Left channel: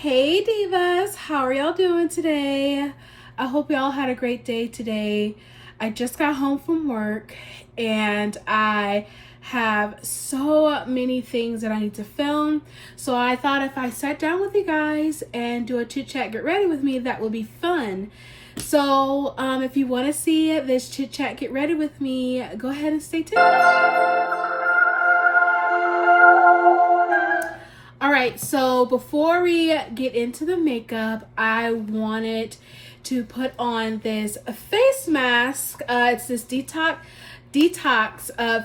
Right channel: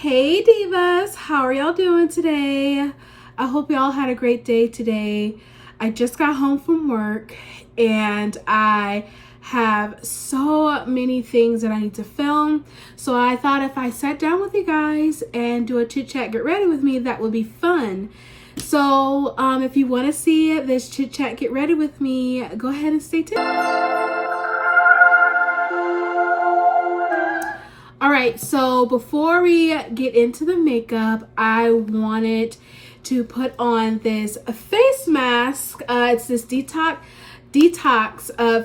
Hey Divas, how are y'all doing today? I hope y'all had a great day today. I just got home from work and I have so many things that I need to film. So I thought if I sat down with you guys and do a chit chat, get ready with me, that would be fun. So if you want to see this chit chat, get ready with me, go ahead and stay tuned. All right, so before we get into the makeup, I wanted to put on this face mask. It's this detox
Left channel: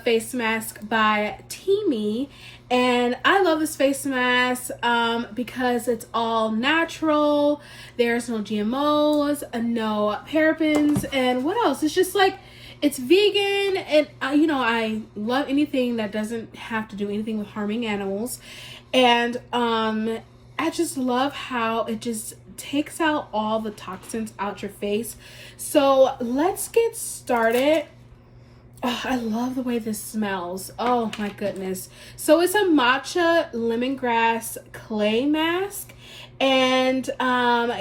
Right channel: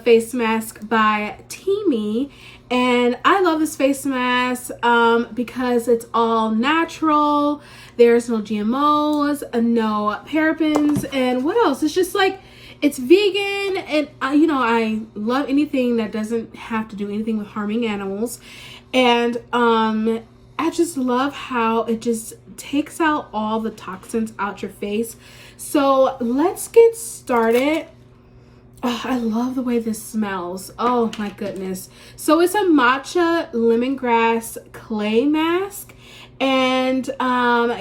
face mask by TEAMI, and I love this face mask because it's all natural. There's no GMOs, no parabens, and what else? It's just like, it's vegan, and I love anything that doesn't have to do anything with harming animals. And I just love how it just takes out all the toxins out your face. So let's get started. Oh, I love the way this smells. Oh my goodness. So it's a matcha lemongrass clay mask. And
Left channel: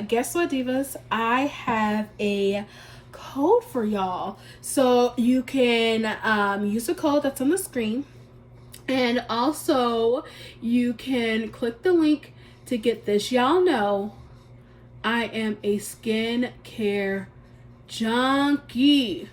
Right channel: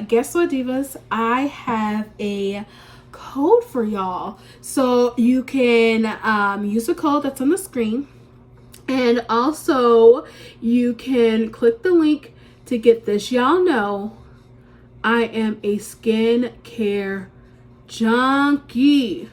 guess what, Divas? I have a code for y'all. So you can use the code that's on the screen. And also, you can click the link to get this. Y'all know I am a skincare junkie.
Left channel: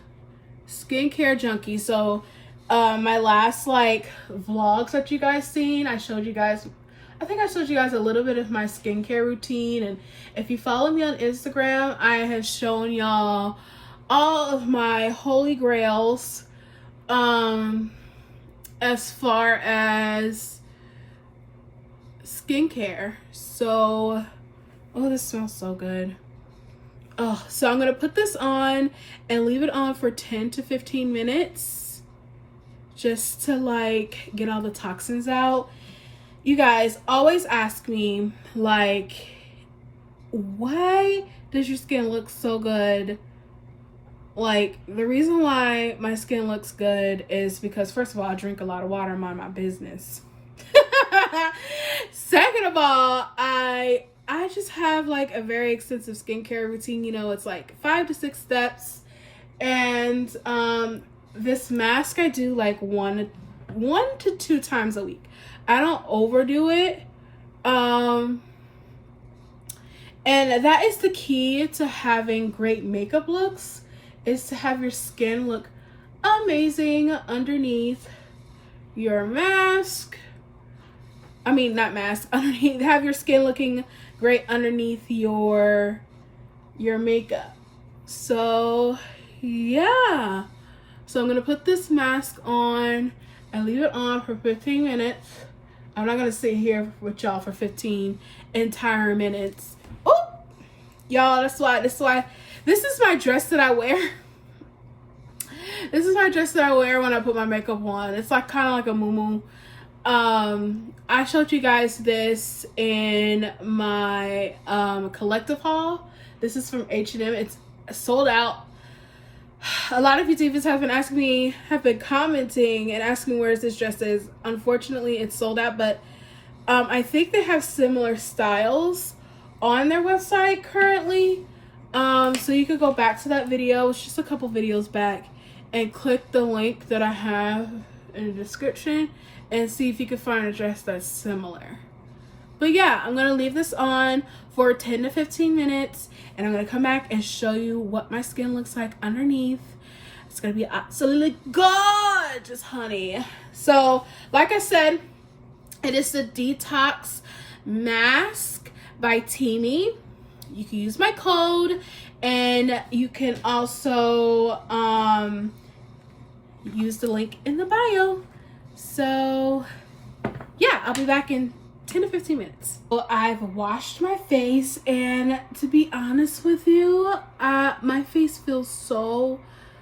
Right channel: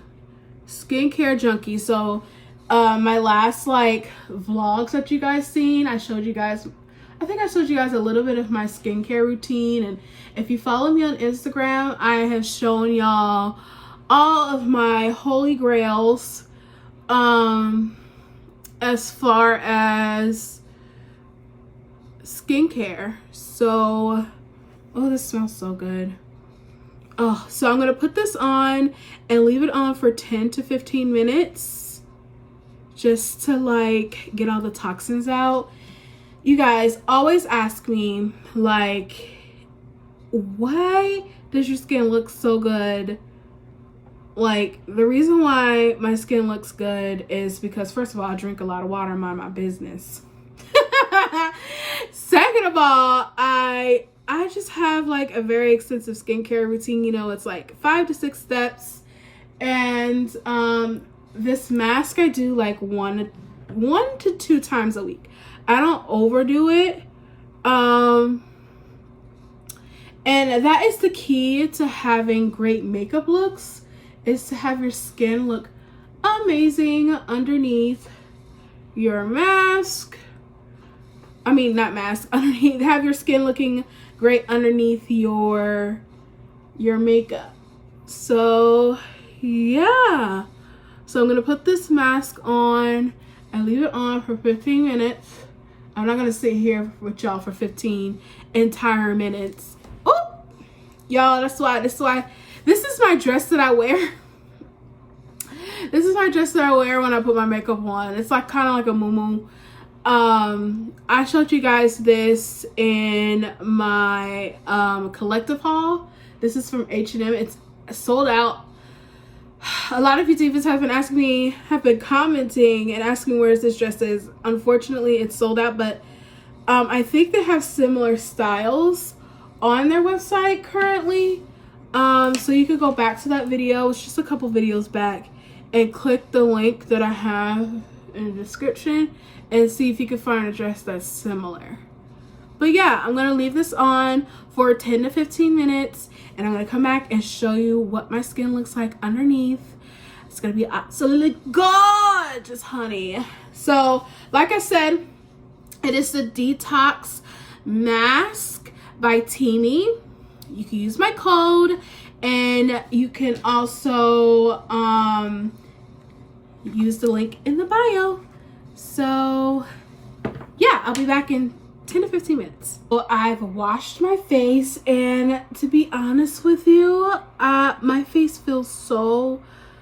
Skincare junkie. So, my last vlogs that you guys seen, I think I showed you guys a little bit of my skincare routine. And if you follow me on Instagram, I have shown y'all all of my holy grails. As far as skincare. So, oh, this smells so good. Oh, so I'm gonna put this on and leave it on for 10 to 15 minutes just to get all the toxins out. You guys always ask me why does your skin look so good? The reason why my skin looks good is because, first of all, I drink a lot of water and mind my business. Second of all, I just have a very extensive skincare routine. It's 5 to 6 steps. And this mask I do one to 2 times a week. I don't overdo it. And that is the key to having great makeup looks, is to have your skin look amazing underneath your mask. I mean, not mask, underneath, have your skin looking great underneath your makeup. So yeah, so I'm gonna put this mask on and leave it on for 15 minutes. I'm not gonna sit here with y'all for 15 entire minutes. Oh, y'all, this is my dress that I wear. This is my dress that I wear when I put my makeup on. It's kind of like a muumuu. I showed you guys this in my collective haul. This is from H&M. It's sold out. A lot of you divas have been commenting and asking where this dress is. Unfortunately, it's sold out, but I think they have similar styles on their website currently. So you could go back to that video. It's just a couple videos back and click the link that I have in the description and see if you can find a dress that's similar. But yeah, I'm gonna leave this on for 10 to 15 minutes and I'm gonna come back and show you what my skin looks like underneath. It's gonna be absolutely gorgeous, honey. So like I said, it is the detox mask by TEAMI. You can use my code, and you can also use the link in the bio. So yeah, I'll be back in 10 to 15 minutes. So I've washed my face, and to be honest with you, my face feels so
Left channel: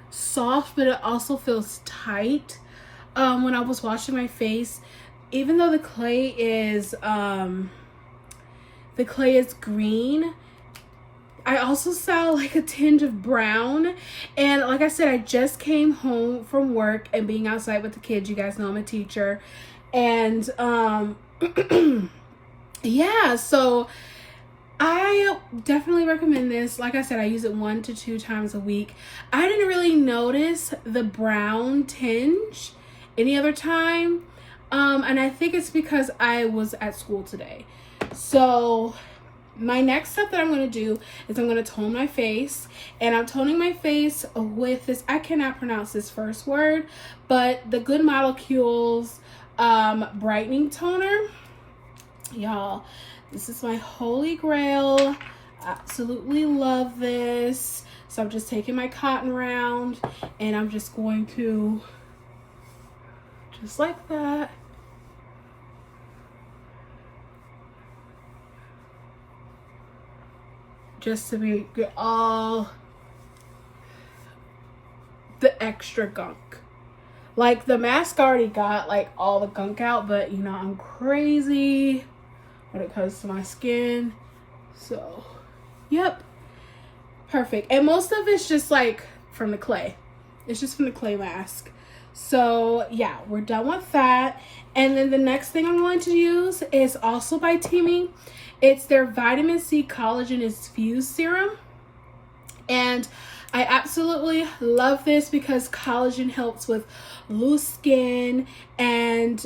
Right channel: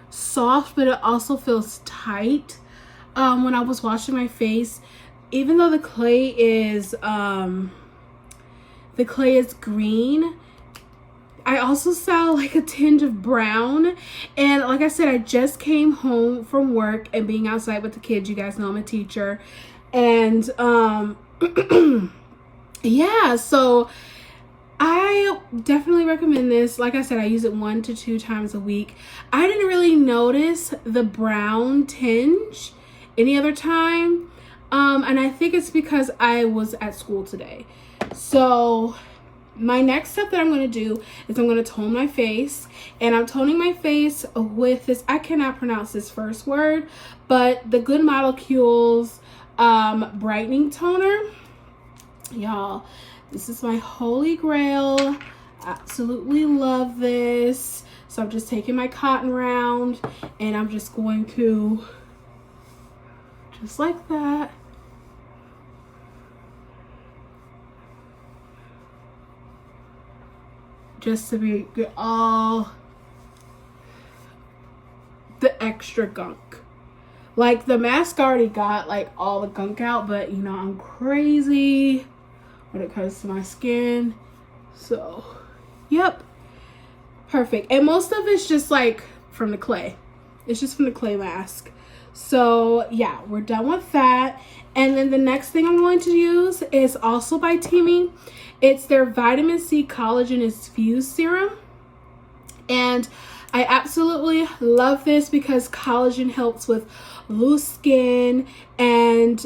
soft, but it also feels tight. When I was washing my face, even though the clay is green, I also saw a tinge of brown. And like I said, I just came home from work and being outside with the kids. You guys know I'm a teacher. And yeah, so I definitely recommend this. Like I said, I use it 1 to 2 times a week. I didn't really notice the brown tinge any other time. And I think it's because I was at school today. So my next step that I'm going to do is I'm going to tone my face, and I'm toning my face with this, I cannot pronounce this first word, but the Good Molecules brightening toner. Y'all, this is my holy grail. Absolutely love this. So I'm just taking my cotton round, and I'm just going to, just like that, just to get all the extra gunk. Like, the mask already got like all the gunk out, but you know, I'm crazy when it comes to my skin. So, yep, perfect. And most of it's just like from the clay. It's just from the clay mask. So yeah, we're done with that. And then the next thing I'm going to use is also by TEAMI. It's their vitamin C collagen infused serum, and I absolutely love this because collagen helps with loose skin, and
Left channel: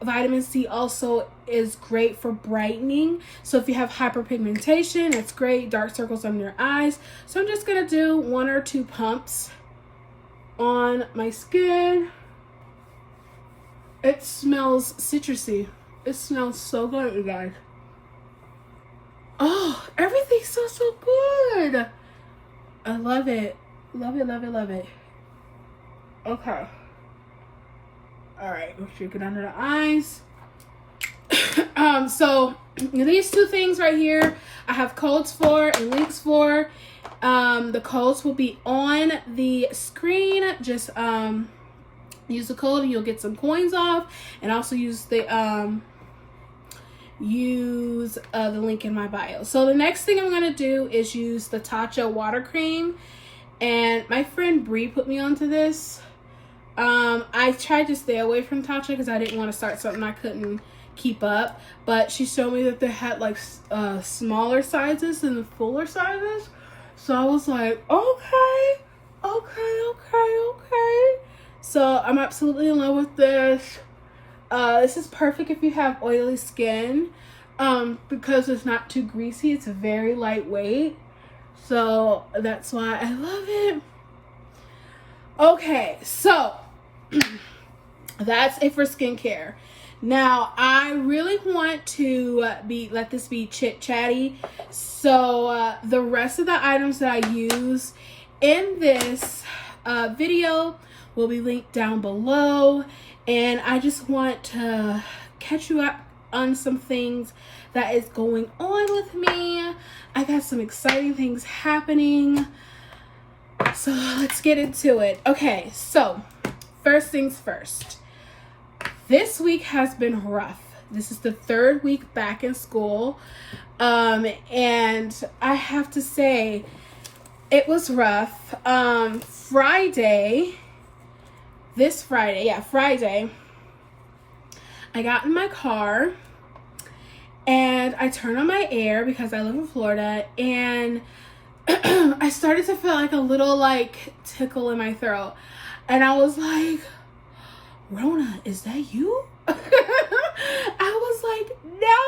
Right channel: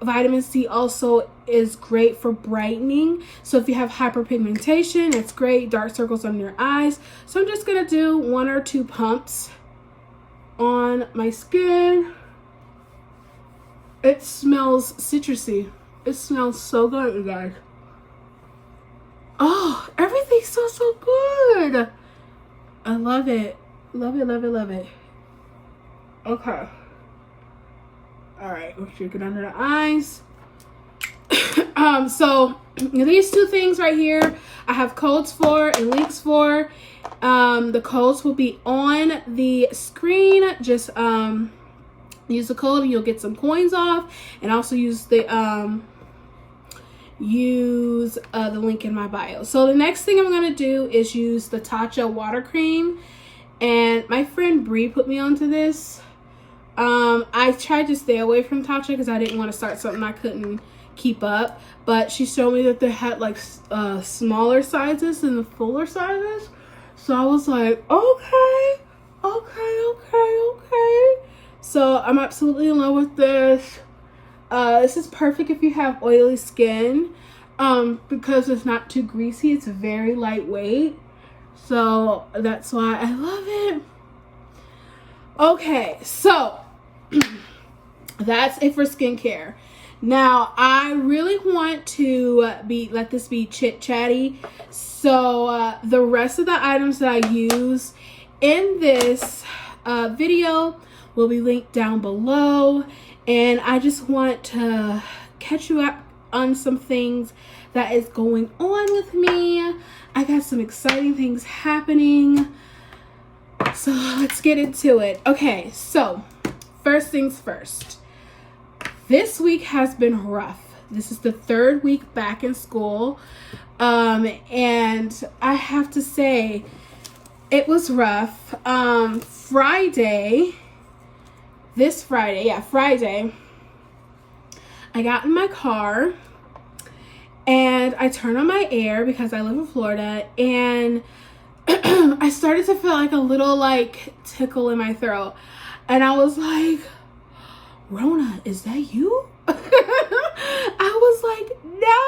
vitamin C also is great for brightening. So if you have hyperpigmentation, it's great. Dark circles under your eyes. So I'm just gonna do 1 or 2 pumps on my skin. It smells citrusy. It smells so good, you guys. Oh, everything smells so good. I love it. Love it, love it, love it. Okay. All right, we'll shake it under the eyes. So these 2 things right here, I have codes for and links for. The codes will be on the screen. Just use the code and you'll get some coins off, and also use the link in my bio. So the next thing I'm gonna do is use the Tatcha water cream, and my friend Bree put me onto this. I tried to stay away from Tatcha because I didn't want to start something I couldn't keep up, but she showed me that they had like smaller sizes and the fuller sizes, so I was like, okay. So I'm absolutely in love with this. This is perfect if you have oily skin, because it's not too greasy. It's very lightweight, so that's why I love it. Okay, so that's it for skincare. Now I really want to let this be chit chatty, so the rest of the items that I use in this video will be linked down below, and I just want to catch you up on some things that is going on with me. I got some exciting things happening, so let's get into it. Okay, so first things first. This week has been rough. This is the 3rd week back in school, and I have to say it was rough. Friday, I got in my car and I turned on my air because I live in Florida, and I started to feel like a little like tickle in my throat, and I was like, Rona, is that you? I was like, no.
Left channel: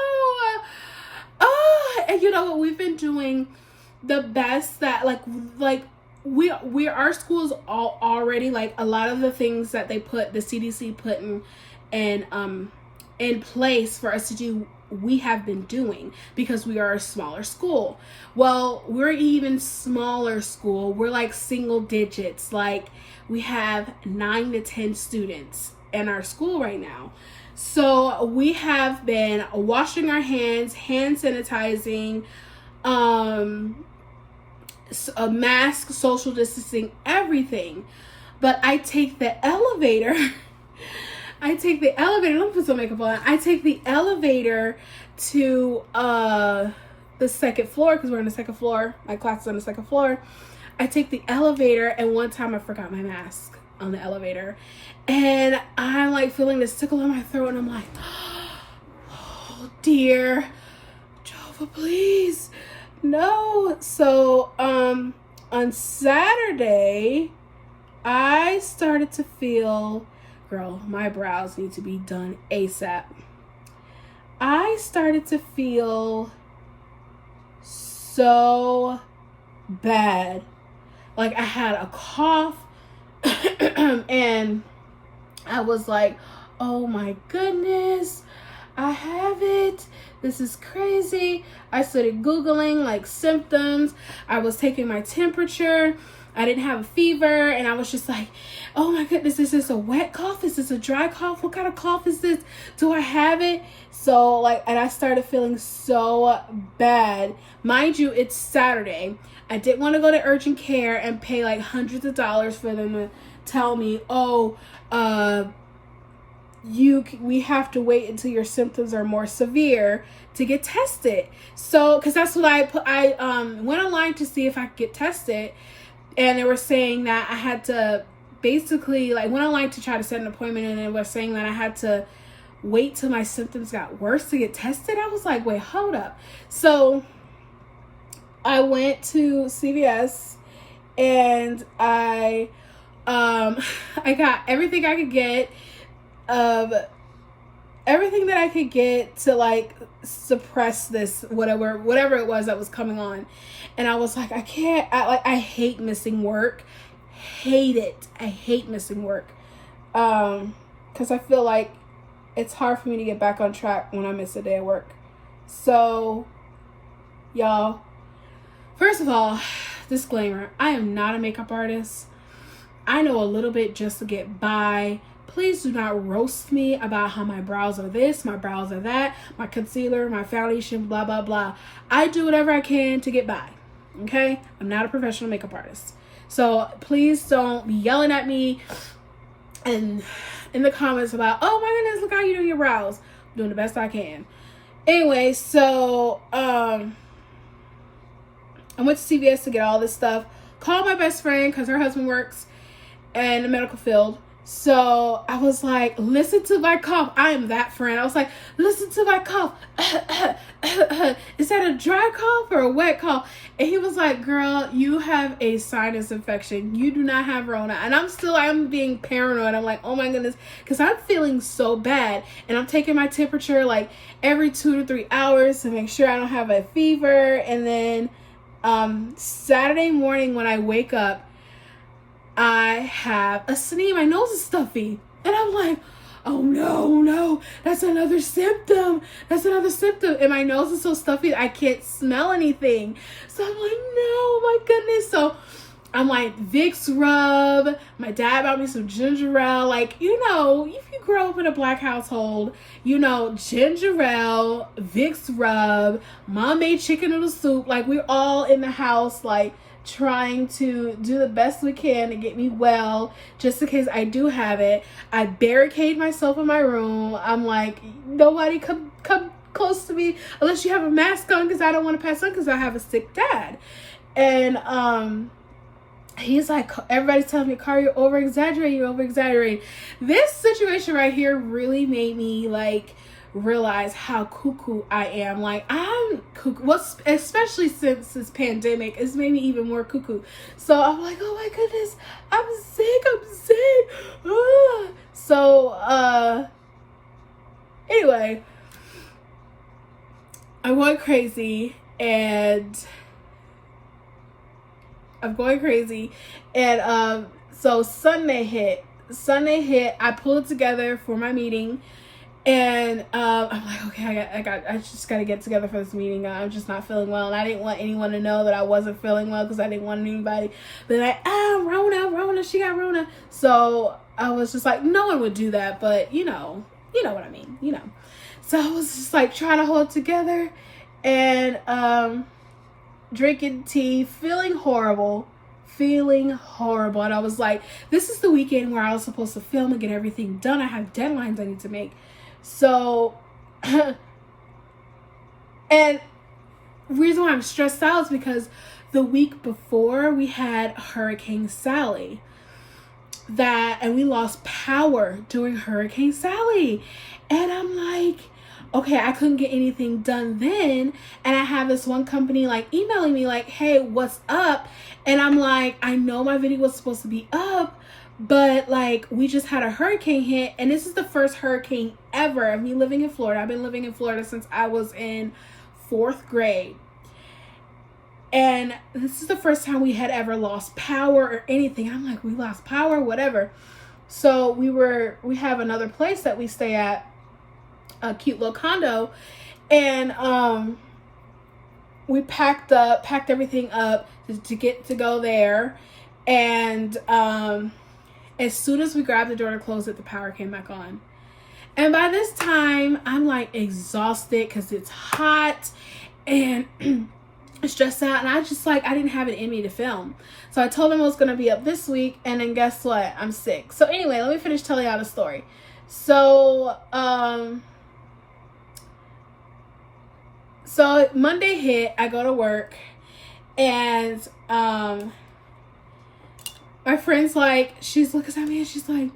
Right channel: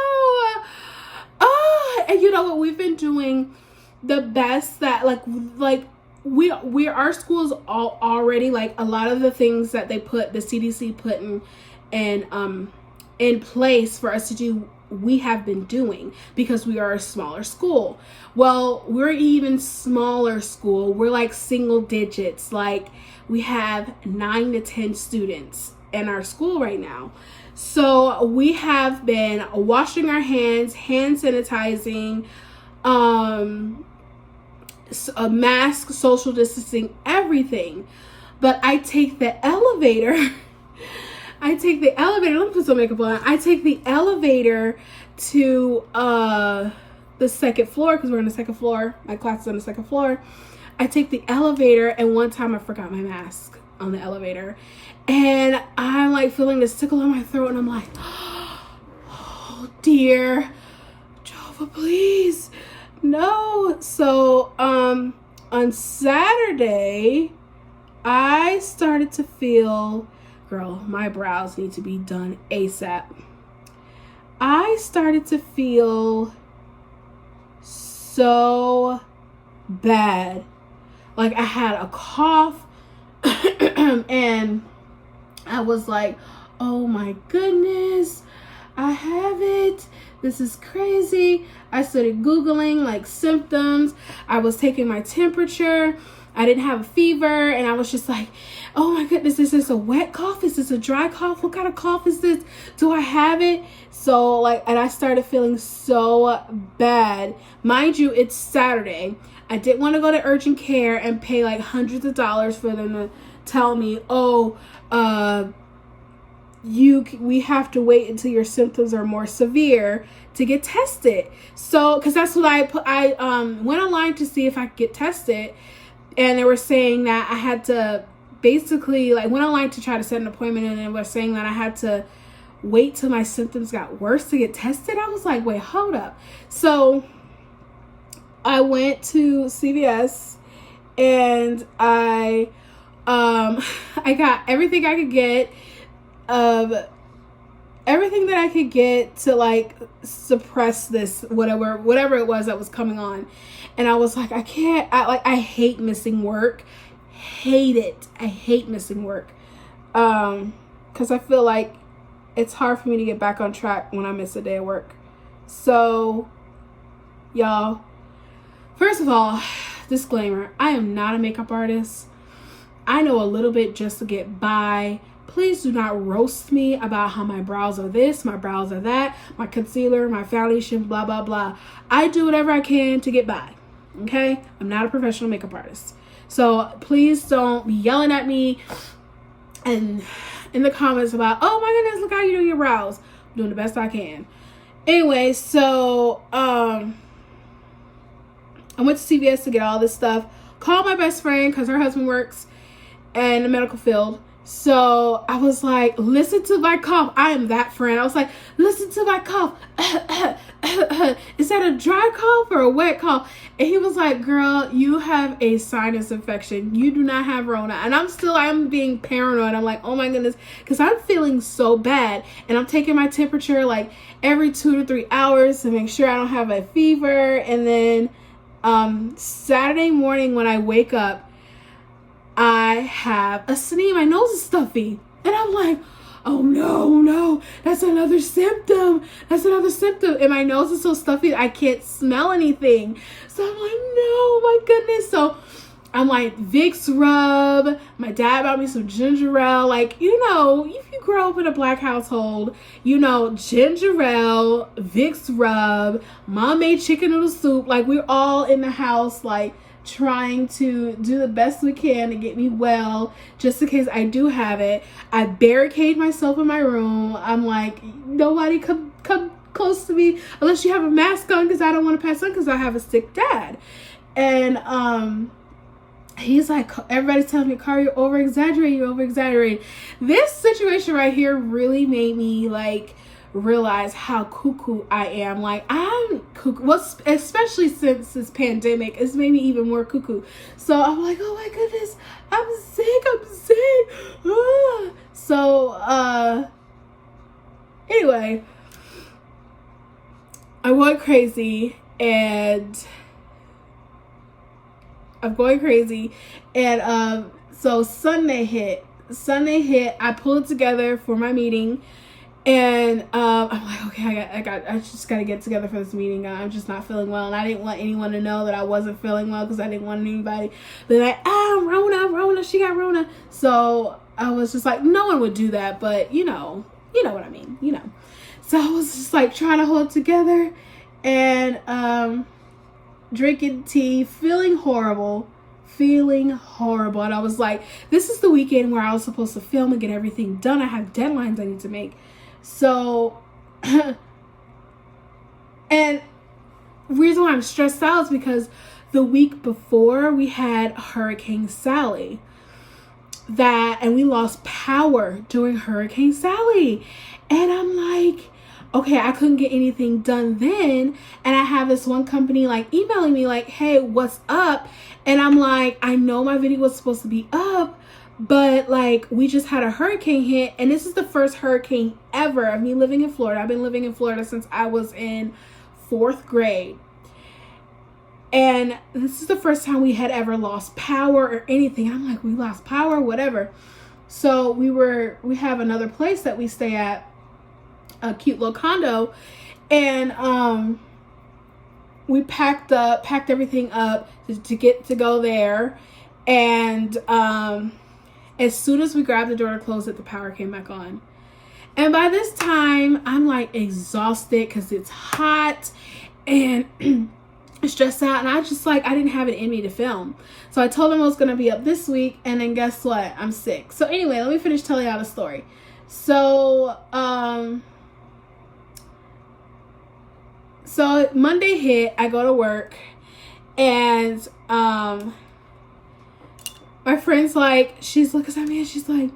Oh, and you know what, we've been doing the best that like our schools all already, like a lot of the things that the CDC put in place for us to do, we have been doing, because we are a smaller school. Well, we're even smaller school. We're like single digits. Like, we have 9 to 10 students in our school right now. So we have been washing our hands, hand sanitizing, a mask, social distancing, everything. But I take the elevator. Let me put some makeup on. I take the elevator to the 2nd floor, because we're on the 2nd floor. My class is on the 2nd floor. I take the elevator, and one time I forgot my mask on the elevator, and I'm like feeling this tickle in my throat, and I'm like, oh dear, Nova, please. No. So, on Saturday, I started to feel, girl, my brows need to be done ASAP. I started to feel so bad. Like I had a cough and I was like, oh my goodness, I have it. This is crazy. I started Googling like symptoms. I was taking my temperature. I didn't have a fever, and I was just like, oh my goodness, is this a wet cough? Is this a dry cough? What kind of cough is this? Do I have it? So like, and I started feeling so bad. Mind you, it's Saturday. I didn't want to go to urgent care and pay like hundreds of dollars for them to tell me, oh, we have to wait until your symptoms are more severe to get tested. So, because that's what I went online to see if I could get tested. And they were saying that I had to basically, like, went online to try to set an appointment, and they were saying that I had to wait till my symptoms got worse to get tested. I was like, wait, hold up. So I went to CVS and I got everything I could get, everything that I could get to like suppress this whatever it was that was coming on. And I was like, I hate missing work. Hate it. I hate missing work. Because I feel like it's hard for me to get back on track when I miss a day of work. So, y'all, first of all, disclaimer, I am not a makeup artist. I know a little bit just to get by. Please do not roast me about how my brows are this, my brows are that, my concealer, my foundation, blah, blah, blah. I do whatever I can to get by, okay? I'm not a professional makeup artist. So please don't be yelling at me and in the comments about, oh my goodness, look how you do your brows. I'm doing the best I can. Anyway, so I went to CVS to get all this stuff. Called my best friend because her husband works in the medical field. So I was like, listen to my cough. I am that friend. I was like, listen to my cough. Is that a dry cough or a wet cough? And he was like, girl, you have a sinus infection. You do not have Rona. And I'm being paranoid. I'm like, oh my goodness, because I'm feeling so bad. And I'm taking my temperature like every 2 to 3 hours to make sure I don't have a fever. And then Saturday morning when I wake up, I have a sneeze. My nose is stuffy. And I'm like, oh no, that's another symptom. That's another symptom. And my nose is so stuffy that I can't smell anything. So I'm like, no, my goodness. So I'm like, Vicks rub. My dad bought me some ginger ale. Like, you know, if you grow up in a black household, you know, ginger ale, Vicks rub, mom made chicken noodle soup. Like, we're all in the house, like, trying to do the best we can to get me well, just in case I do have it. I barricade myself in my room. I'm like, nobody come close to me unless you have a mask on, because I don't want to pass on because I have a sick dad. And he's like, everybody's telling me, Cara, you're over exaggerating. This situation right here really made me like realize how cuckoo I am. Like, I'm cuckoo. Well, especially since this pandemic, it's made me even more cuckoo. So I'm like, oh my goodness, I'm sick. Ah. So anyway, I'm going crazy and so Sunday hit. I pulled it together for my meeting. And I'm like, okay, I just gotta get together for this meeting. I'm just not feeling well, and I didn't want anyone to know that I wasn't feeling well, because I didn't want anybody to be like, Rona, she got Rona. So I was just like, no one would do that, but you know what I mean, you know. So I was just like trying to hold it together and drinking tea, feeling horrible. And I was like, this is the weekend where I was supposed to film and get everything done. I have deadlines I need to make. So, and reason why I'm stressed out is because the week before we had Hurricane Sally, and we lost power during Hurricane Sally. And I'm like, okay, I couldn't get anything done then, and I have this one company like emailing me like, hey, what's up? And I'm like, I know my video was supposed to be up, but like we just had a hurricane hit, and this is the first hurricane ever of me living in Florida. I've been living in Florida since I was in 4th grade, and this is the first time we had ever lost power or anything. I'm like, we lost power, whatever. So we have another place that we stay at, a cute little condo, and we packed everything up to go there, and as soon as we grabbed the door to close it, the power came back on. And by this time I'm like exhausted because it's hot and stressed out, and I didn't have it in me to film. So I told them I was going to be up this week, and then guess what, I'm sick. So anyway, let me finish telling y'all the story. So so Monday hit, I go to work, and my friend's like, she's looking at me and she's like,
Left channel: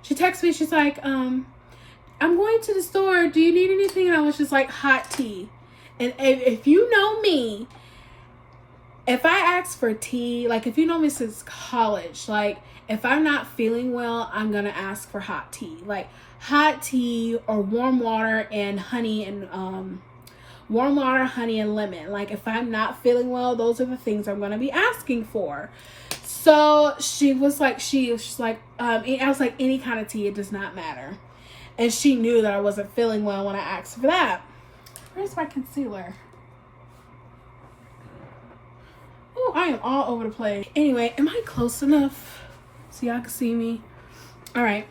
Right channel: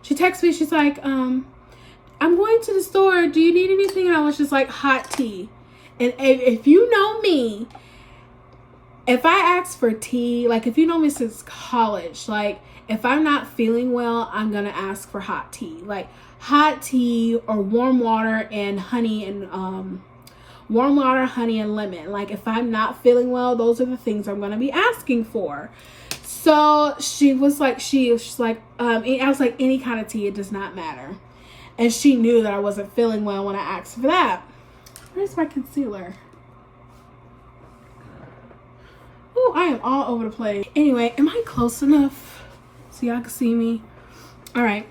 she texts me, she's like, I'm going to the store, do you need anything? And I was just like, hot tea. And if you know me, if I ask for tea, like if you know me since college, like if I'm not feeling well, I'm gonna ask for hot tea. Like hot tea or warm water and honey and warm water, honey, and lemon. Like if I'm not feeling well, those are the things I'm gonna be asking for. So she was like, I was like, any kind of tea, it does not matter. And she knew that I wasn't feeling well when I asked for that. Where's my concealer? Oh, I am all over the place. Anyway, am I close enough so y'all can see me? All right.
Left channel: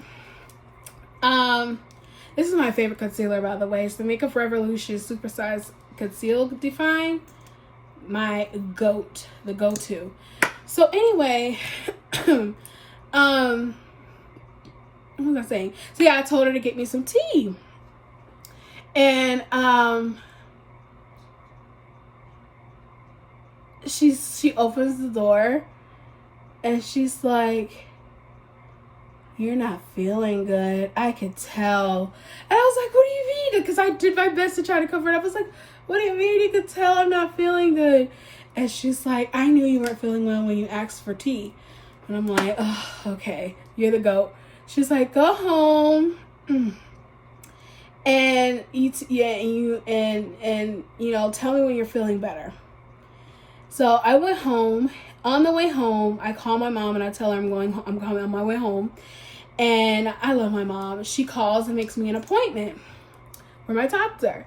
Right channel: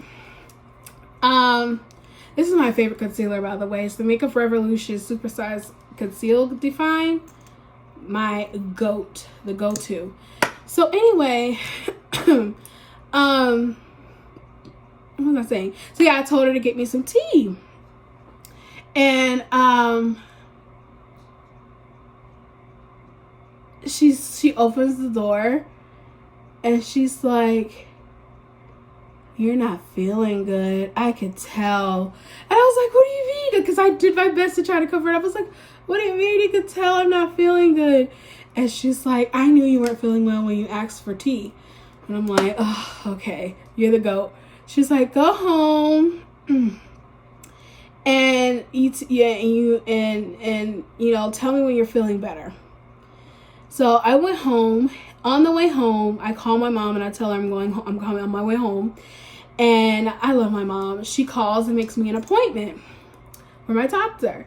This is my favorite concealer, by the way. It's the Makeup Forever Lushed Supersize Conceal Define. My GOAT, the go-to. So anyway, what was I saying? So yeah, I told her to get me some tea. And she opens the door and she's like, you're not feeling good. I could tell. And I was like, what do you mean? Because I did my best to try to cover it up. I was like, what do you mean you could tell I'm not feeling good? And she's like, I knew you weren't feeling well when you asked for tea. And I'm like, oh, okay, you're the GOAT. She's like, go home and eat, and you know, tell me when you're feeling better. So I went home. On the way home, I call my mom and I tell her I'm coming on my way home. And I love my mom. She calls and makes me an appointment for my doctor.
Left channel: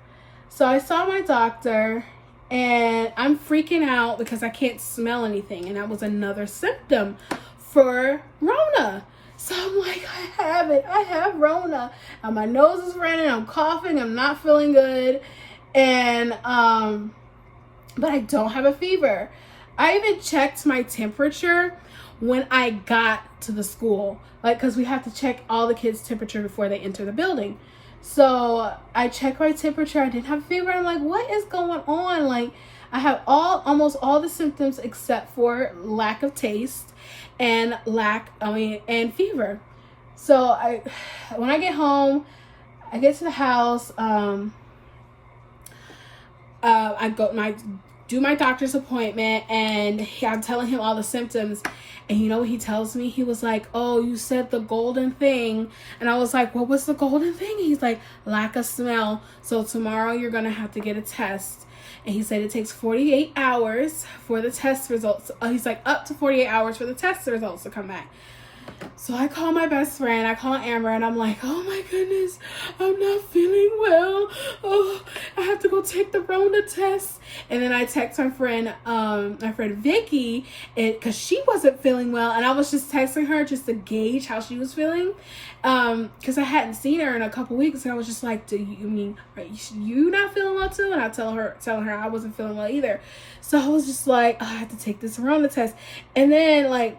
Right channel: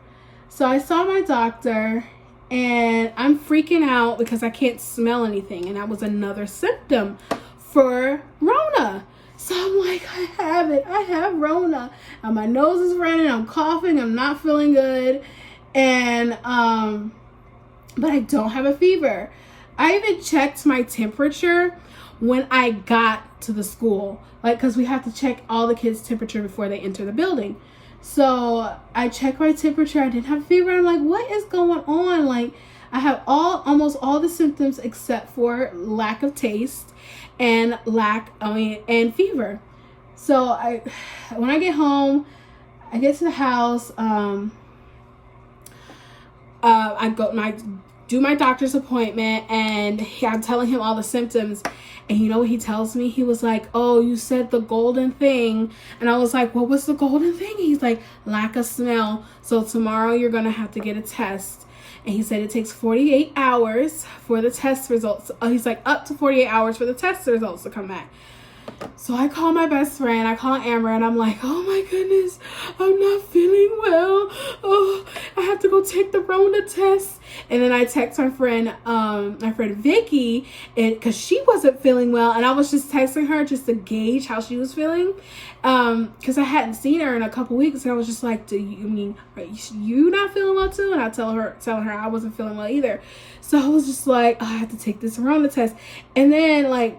So I saw my doctor, and I'm freaking out because I can't smell anything, and that was another symptom for Rona. So I'm like, I have it. I have Rona. And my nose is running. I'm coughing. I'm not feeling good. And but I don't have a fever. I even checked my temperature when I got to the school, like, because we have to check all the kids' temperature before they enter the building. So I checked my temperature. I didn't have a fever. I'm like, what is going on? Like, I have almost all the symptoms except for lack of taste and and fever. So when I get home, I get to the house. I do my doctor's appointment, and I'm telling him all the symptoms, and you know what he tells me? He was like, oh, you said the golden thing. And I was like, what was the golden thing? He's like, lack of smell. So tomorrow you're gonna have to get a test. And he said it takes 48 hours for the test results. He's like, up to 48 hours for the test results to come back. So I call my best friend, I call Amber, and I'm like, oh my goodness, I'm not feeling well. Oh, I have to go take the Rona test. And then I text my friend Vicky, because she wasn't feeling well, and I was just texting her just to gauge how she was feeling, because I hadn't seen her in a couple weeks, and I was just like, are you not feeling well too? And I telling her I wasn't feeling well either. So I was just like, oh, I have to take this Rona test. And then like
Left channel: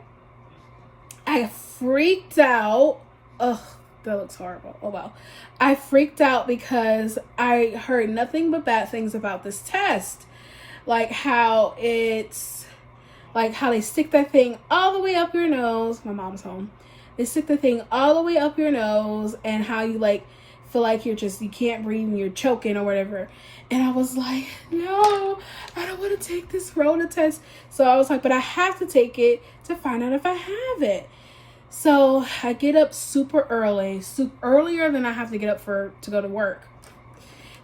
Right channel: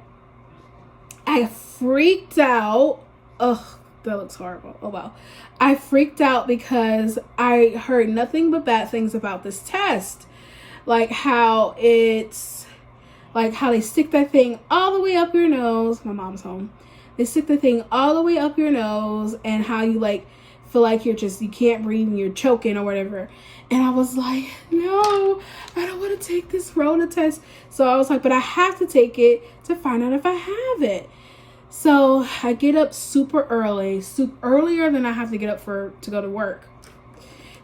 I freaked out. Ugh, that looks horrible. Oh well. I freaked out because I heard nothing but bad things about this test. Like how they stick that thing all the way up your nose. My mom's home. They stick the thing all the way up your nose, and how you like feel like you can't breathe and you're choking or whatever. And I was like, no, I don't want to take this Rona test. So I was like, but I have to take it to find out if I have it. So I get up super early, earlier than I have to get up to go to work,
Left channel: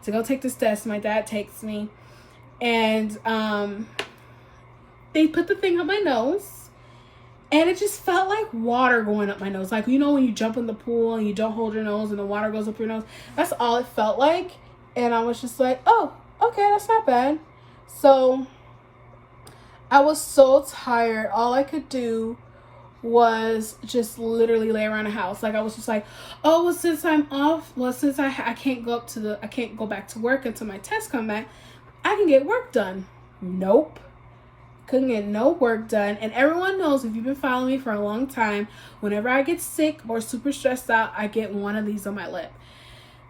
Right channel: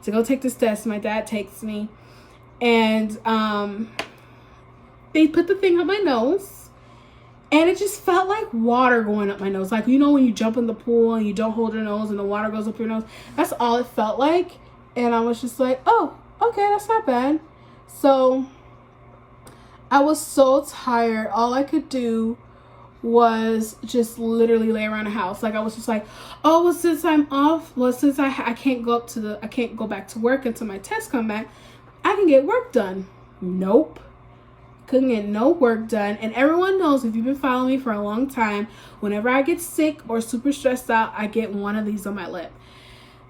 to go take this test. My dad takes me, and they put the thing up my nose, and it just felt like water going up my nose. Like, you know, when you jump in the pool and you don't hold your nose and the water goes up your nose? That's all it felt like. And I was just like, oh, okay, that's not bad. So I was so tired. All I could do was just literally lay around the house. Like, I was just like, oh, well, since I'm off, well, since I can't go back to work until my tests come back, I can get work done. Nope. Couldn't get no work done. And everyone knows, if you've been following me for a long time, whenever I get sick or super stressed out, I get one of these on my lip.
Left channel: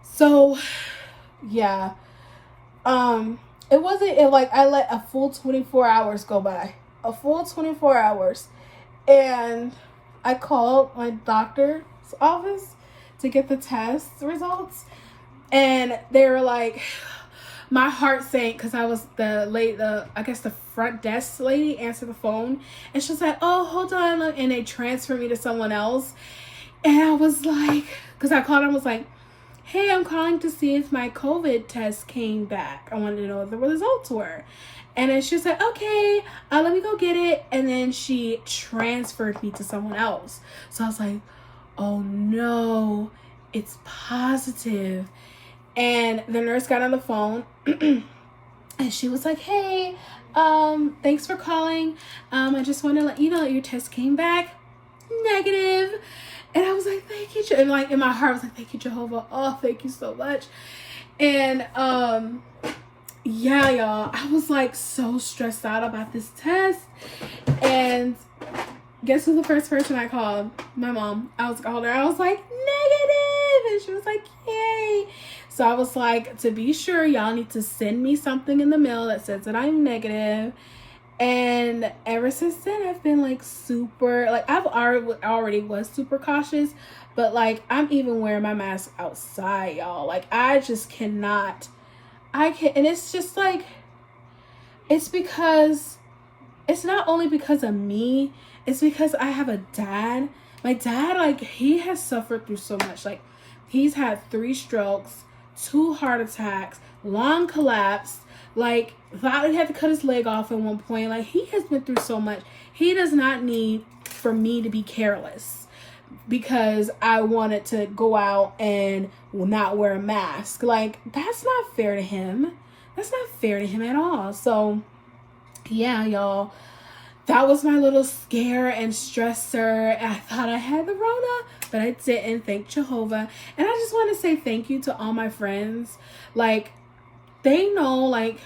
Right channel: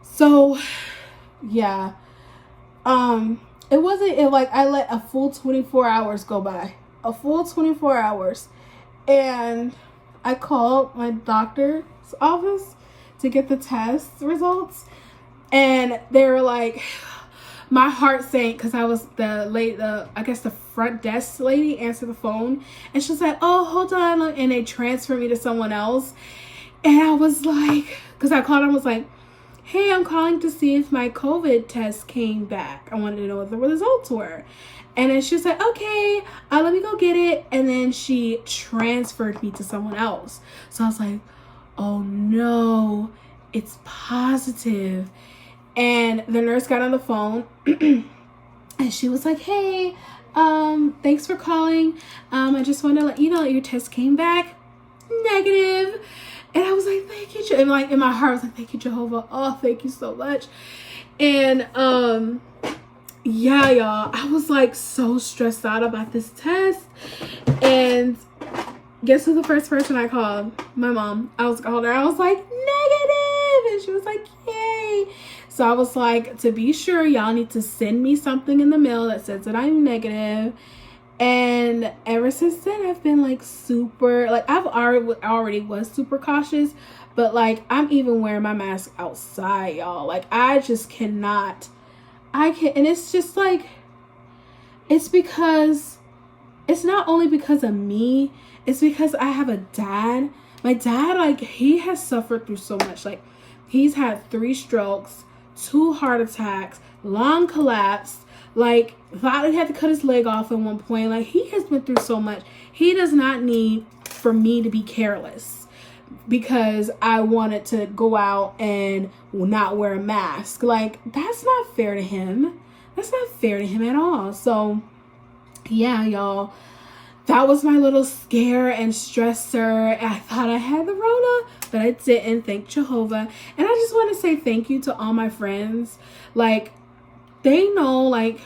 So yeah, it wasn't like I let a full 24 hours go by, a full 24 hours. And I called my doctor's office to get the test results, and they were like, my heart sank, because I was I guess the front desk lady answered the phone, and she was like, oh, hold on, and they transferred me to someone else. And I was like, because I called and was like, hey, I'm calling to see if my COVID test came back. I wanted to know what the results were. And then she was like, okay, let me go get it. And then she transferred me to someone else. So I was like, oh no, it's positive. And the nurse got on the phone and she was like, hey, thanks for calling. I just want to let you know that your test came back negative. And I was like, thank you. And like in my heart, I was like, thank you, Jehovah. Oh, thank you so much. And yeah, y'all, I was like so stressed out about this test. And guess who the first person I called? My mom. I was calling her. I was like, negative. And she was like, yay. So I was like, to be sure, y'all need to send me something in the mail that says that I'm negative. And ever since then, I've been like super, like I've already was super cautious, but like I'm even wearing my mask outside, y'all. Like I just cannot, and it's just like, it's because, it's not only because of me, it's because I have a dad. My dad, like, he has suffered through so much. Like, he's had 3 strokes, 2 heart attacks, lung collapse. Like, thought he had to cut his leg off at one point. Like, he has been through so much. He does not need for me to be careless because I wanted to go out and not wear a mask. Like, that's not fair to him. That's not fair to him at all. So, yeah, y'all. That was my little scare and stressor. I thought I had the Rona, but I didn't. Thank Jehovah. And I just want to say thank you to all my friends. Like, they know, like,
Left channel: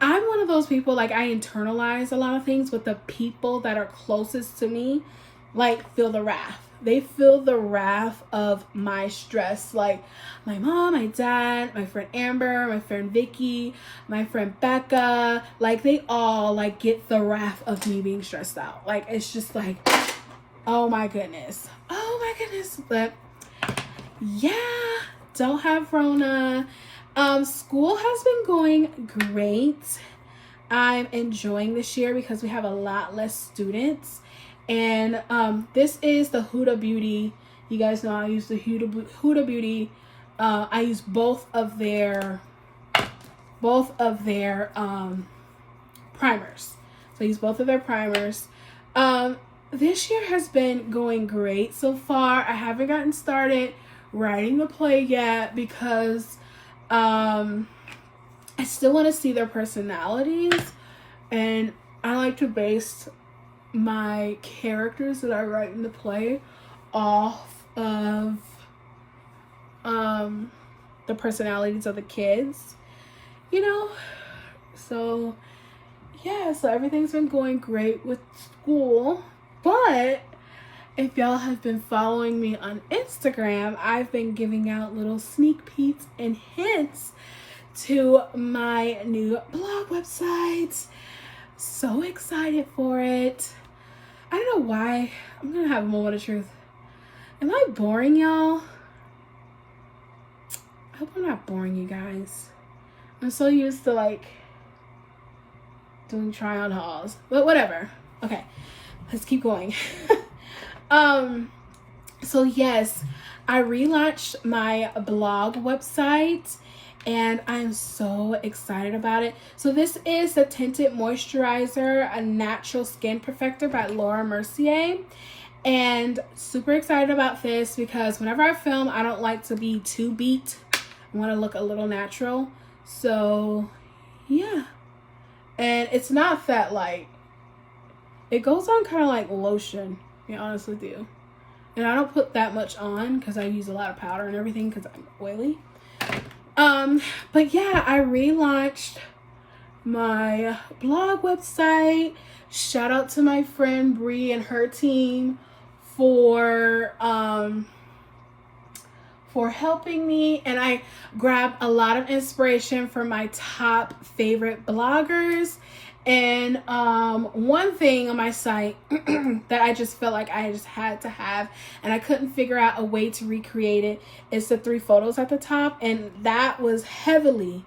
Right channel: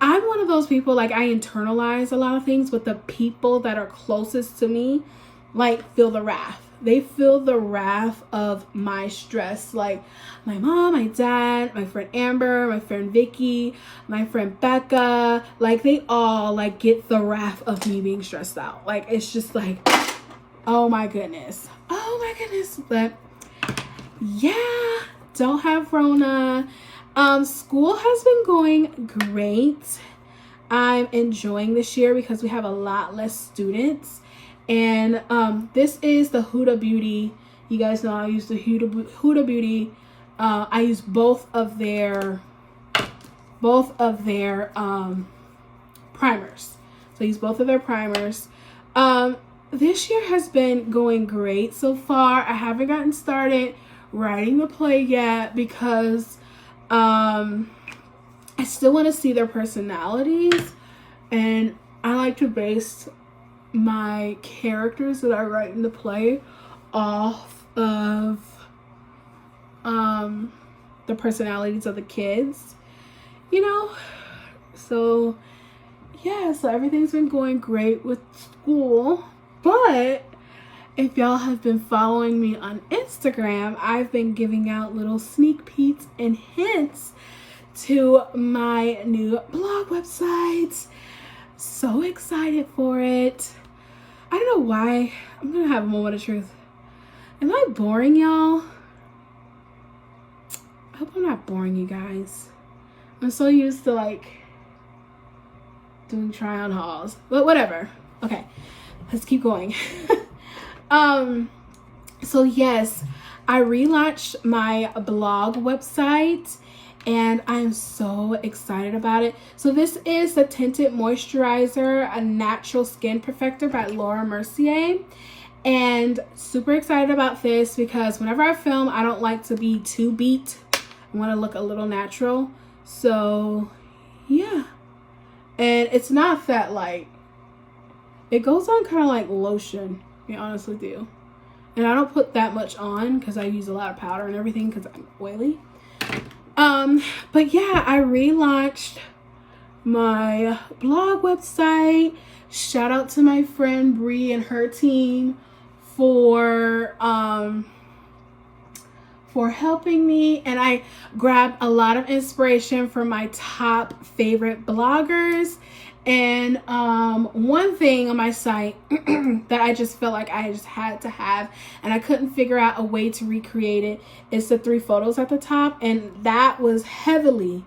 I'm one of those people, like, I internalize a lot of things, but the people that are closest to me, like, feel the wrath. They feel the wrath of my stress. Like, my mom, my dad, my friend Amber, my friend Vicky, my friend Becca, like, they all, like, get the wrath of me being stressed out. Like, it's just like, oh my goodness. Oh my goodness. But, yeah, don't have Rona. School has been going great. I'm enjoying this year because we have a lot less students. And this is the HUDA Beauty. You guys know I use the HUDA Beauty. I use both of their primers. So I use both of their primers. This year has been going great so far. I haven't gotten started writing the play yet because I still want to see their personalities, and I like to base my characters that I write in the play off of the personalities of the kids, you know. So yeah, so everything's been going great with school. But if y'all have been following me on Instagram, I've been giving out little sneak peeks and hints to my new blog website. So excited for it. I don't know why. I'm gonna have a moment of truth. Am I boring, y'all? I hope I'm not boring you guys. I'm so used to like doing try on hauls, but whatever. Okay, let's keep going. So yes, I relaunched my blog website and I'm so excited about it. So this is the Tinted Moisturizer, a natural skin perfector by Mercier. And super excited about this because whenever I film, I don't like to be too beat. I want to look a little natural. So yeah. And it's not that light. It goes on kind of like lotion, to be honest with you. And I don't put that much on because I use a lot of powder and everything because I'm oily. But yeah, I relaunched my blog website. Shout out to my friend Bree and her team for helping me, and I grabbed a lot of inspiration from my top favorite bloggers. And one thing on my site that I just felt like I just had to have and I couldn't figure out a way to recreate it is the 3 photos at the top, and that was heavily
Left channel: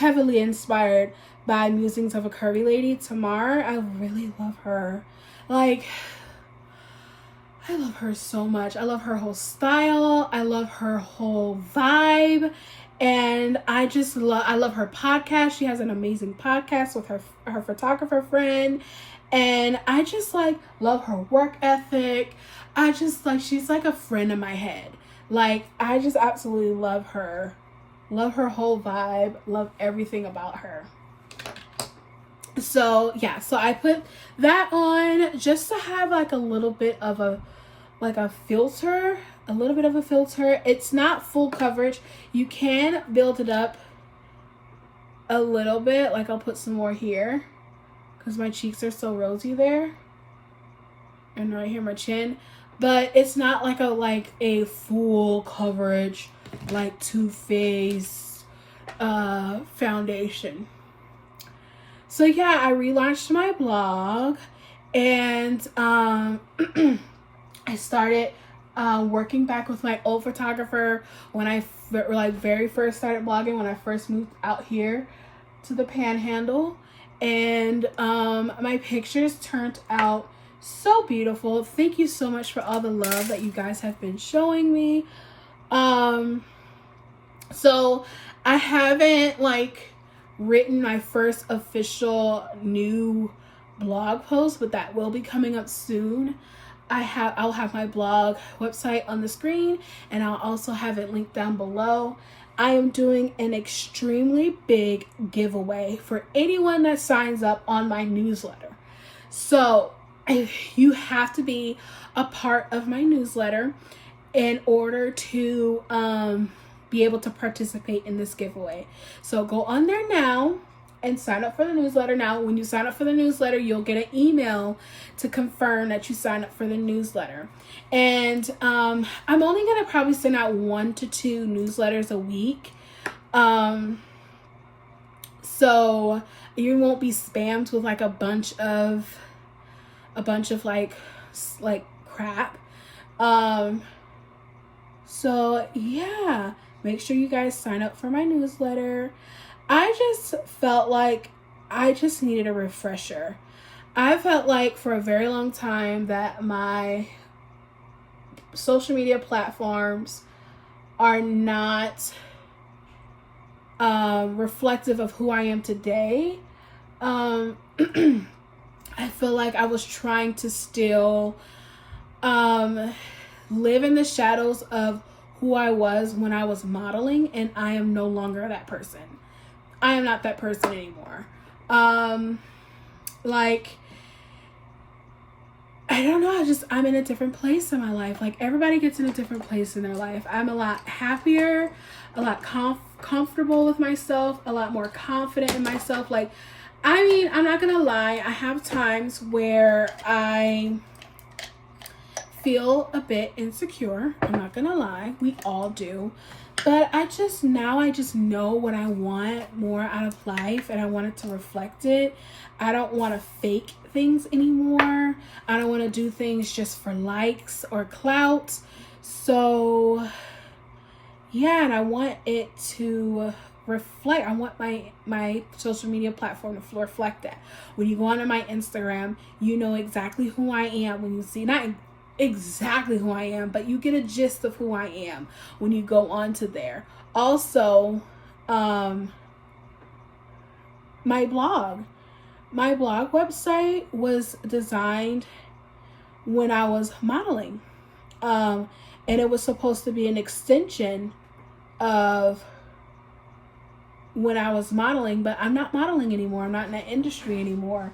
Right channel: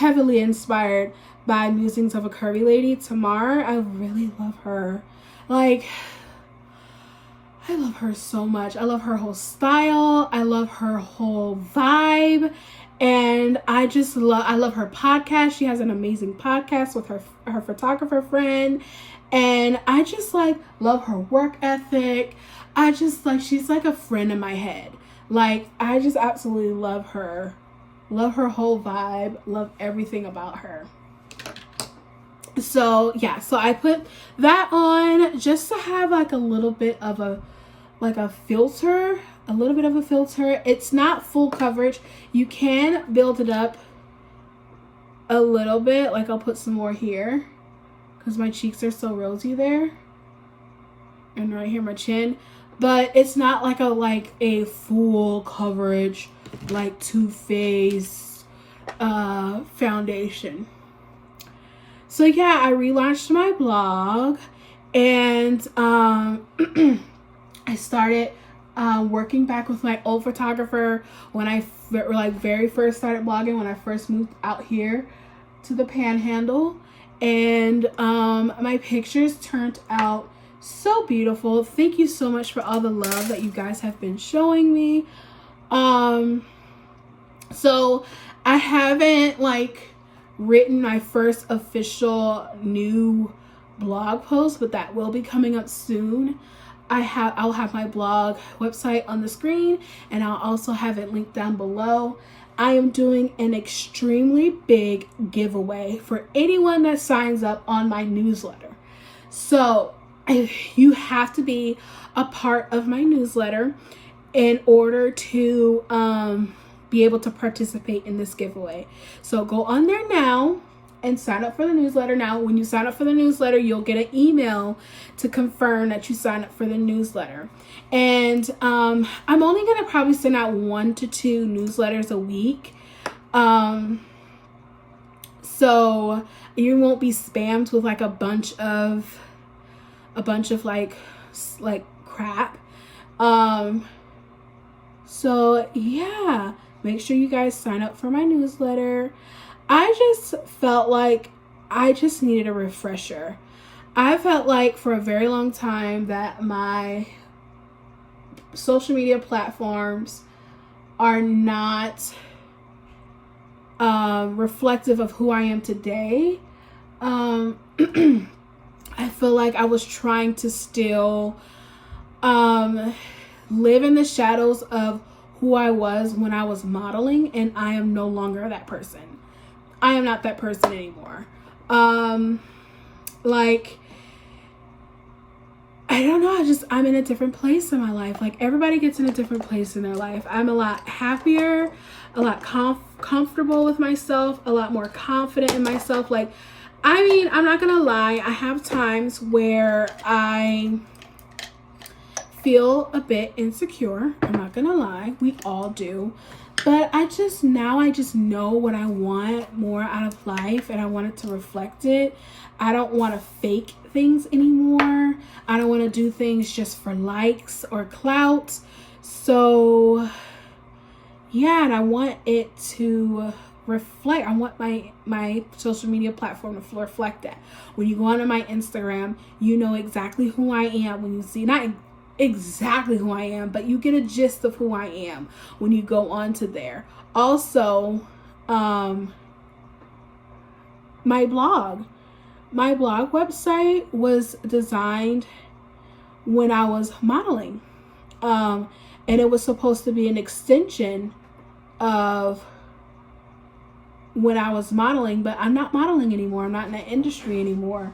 inspired by Musings of a Curvy Lady, Tamar. I really love her. Like, I love her so much. I love her whole style. I love her whole vibe. And I love her podcast. She has an amazing podcast with her photographer friend. And I just like love her work ethic. I just like, she's like a friend in my head. Like, I just absolutely love her. Love her whole vibe. Love everything about her. So yeah, so I put that on just to have like a little bit of a filter, a little bit of a filter. It's not full coverage. You can build it up a little bit. Like, I'll put some more here because my cheeks are so rosy there, and right here my chin. But it's not like a full coverage like Too Faced foundation. So yeah, I relaunched my blog, and I started working back with my old photographer when I very first started blogging, when I first moved out here to the Panhandle. And my pictures turned out so beautiful. Thank you so much for all the love that you guys have been showing me. So I haven't written my first official new blog post, but that will be coming up soon. I'll have my blog website on the screen, and I'll also have it linked down below. I am doing an extremely big giveaway for anyone that signs up on my newsletter. So you have to be a part of my newsletter in order to be able to participate in this giveaway. So go on there now and sign up for the newsletter now. When you sign up for the newsletter, you'll get an email to confirm that you signed up for the newsletter. And I'm only gonna probably send out 1 to 2 newsletters a week. So you won't be spammed with a bunch of crap. So yeah, make sure you guys sign up for my newsletter. I just felt like I just needed a refresher. I felt like for a very long time that my social media platforms are not reflective of who I am today. I feel like I was trying to still live in the shadows of who I was when I was modeling, and I am no longer that person. I am not that person anymore. I don't know, I'm in a different place in my life. Like, everybody gets in a different place in their life. I'm a lot happier, a lot comfortable with myself, a lot more confident in myself. I'm not gonna lie, I have times where I feel a bit insecure. I'm not gonna lie, we all do. But I just know what I want more out of life, and I want it to reflect it. I don't want to fake things anymore. I don't want to do things just for likes or clout. So yeah, and I want it to reflect. I want my social media platform to reflect that. When you go onto my Instagram, you know exactly who I am. When you see, not exactly who I am, but you get a gist of who I am when you go onto there. Also, my blog website was designed when I was modeling, and it was supposed to be an extension of when I was modeling, but I'm not modeling anymore. I'm not in that industry anymore.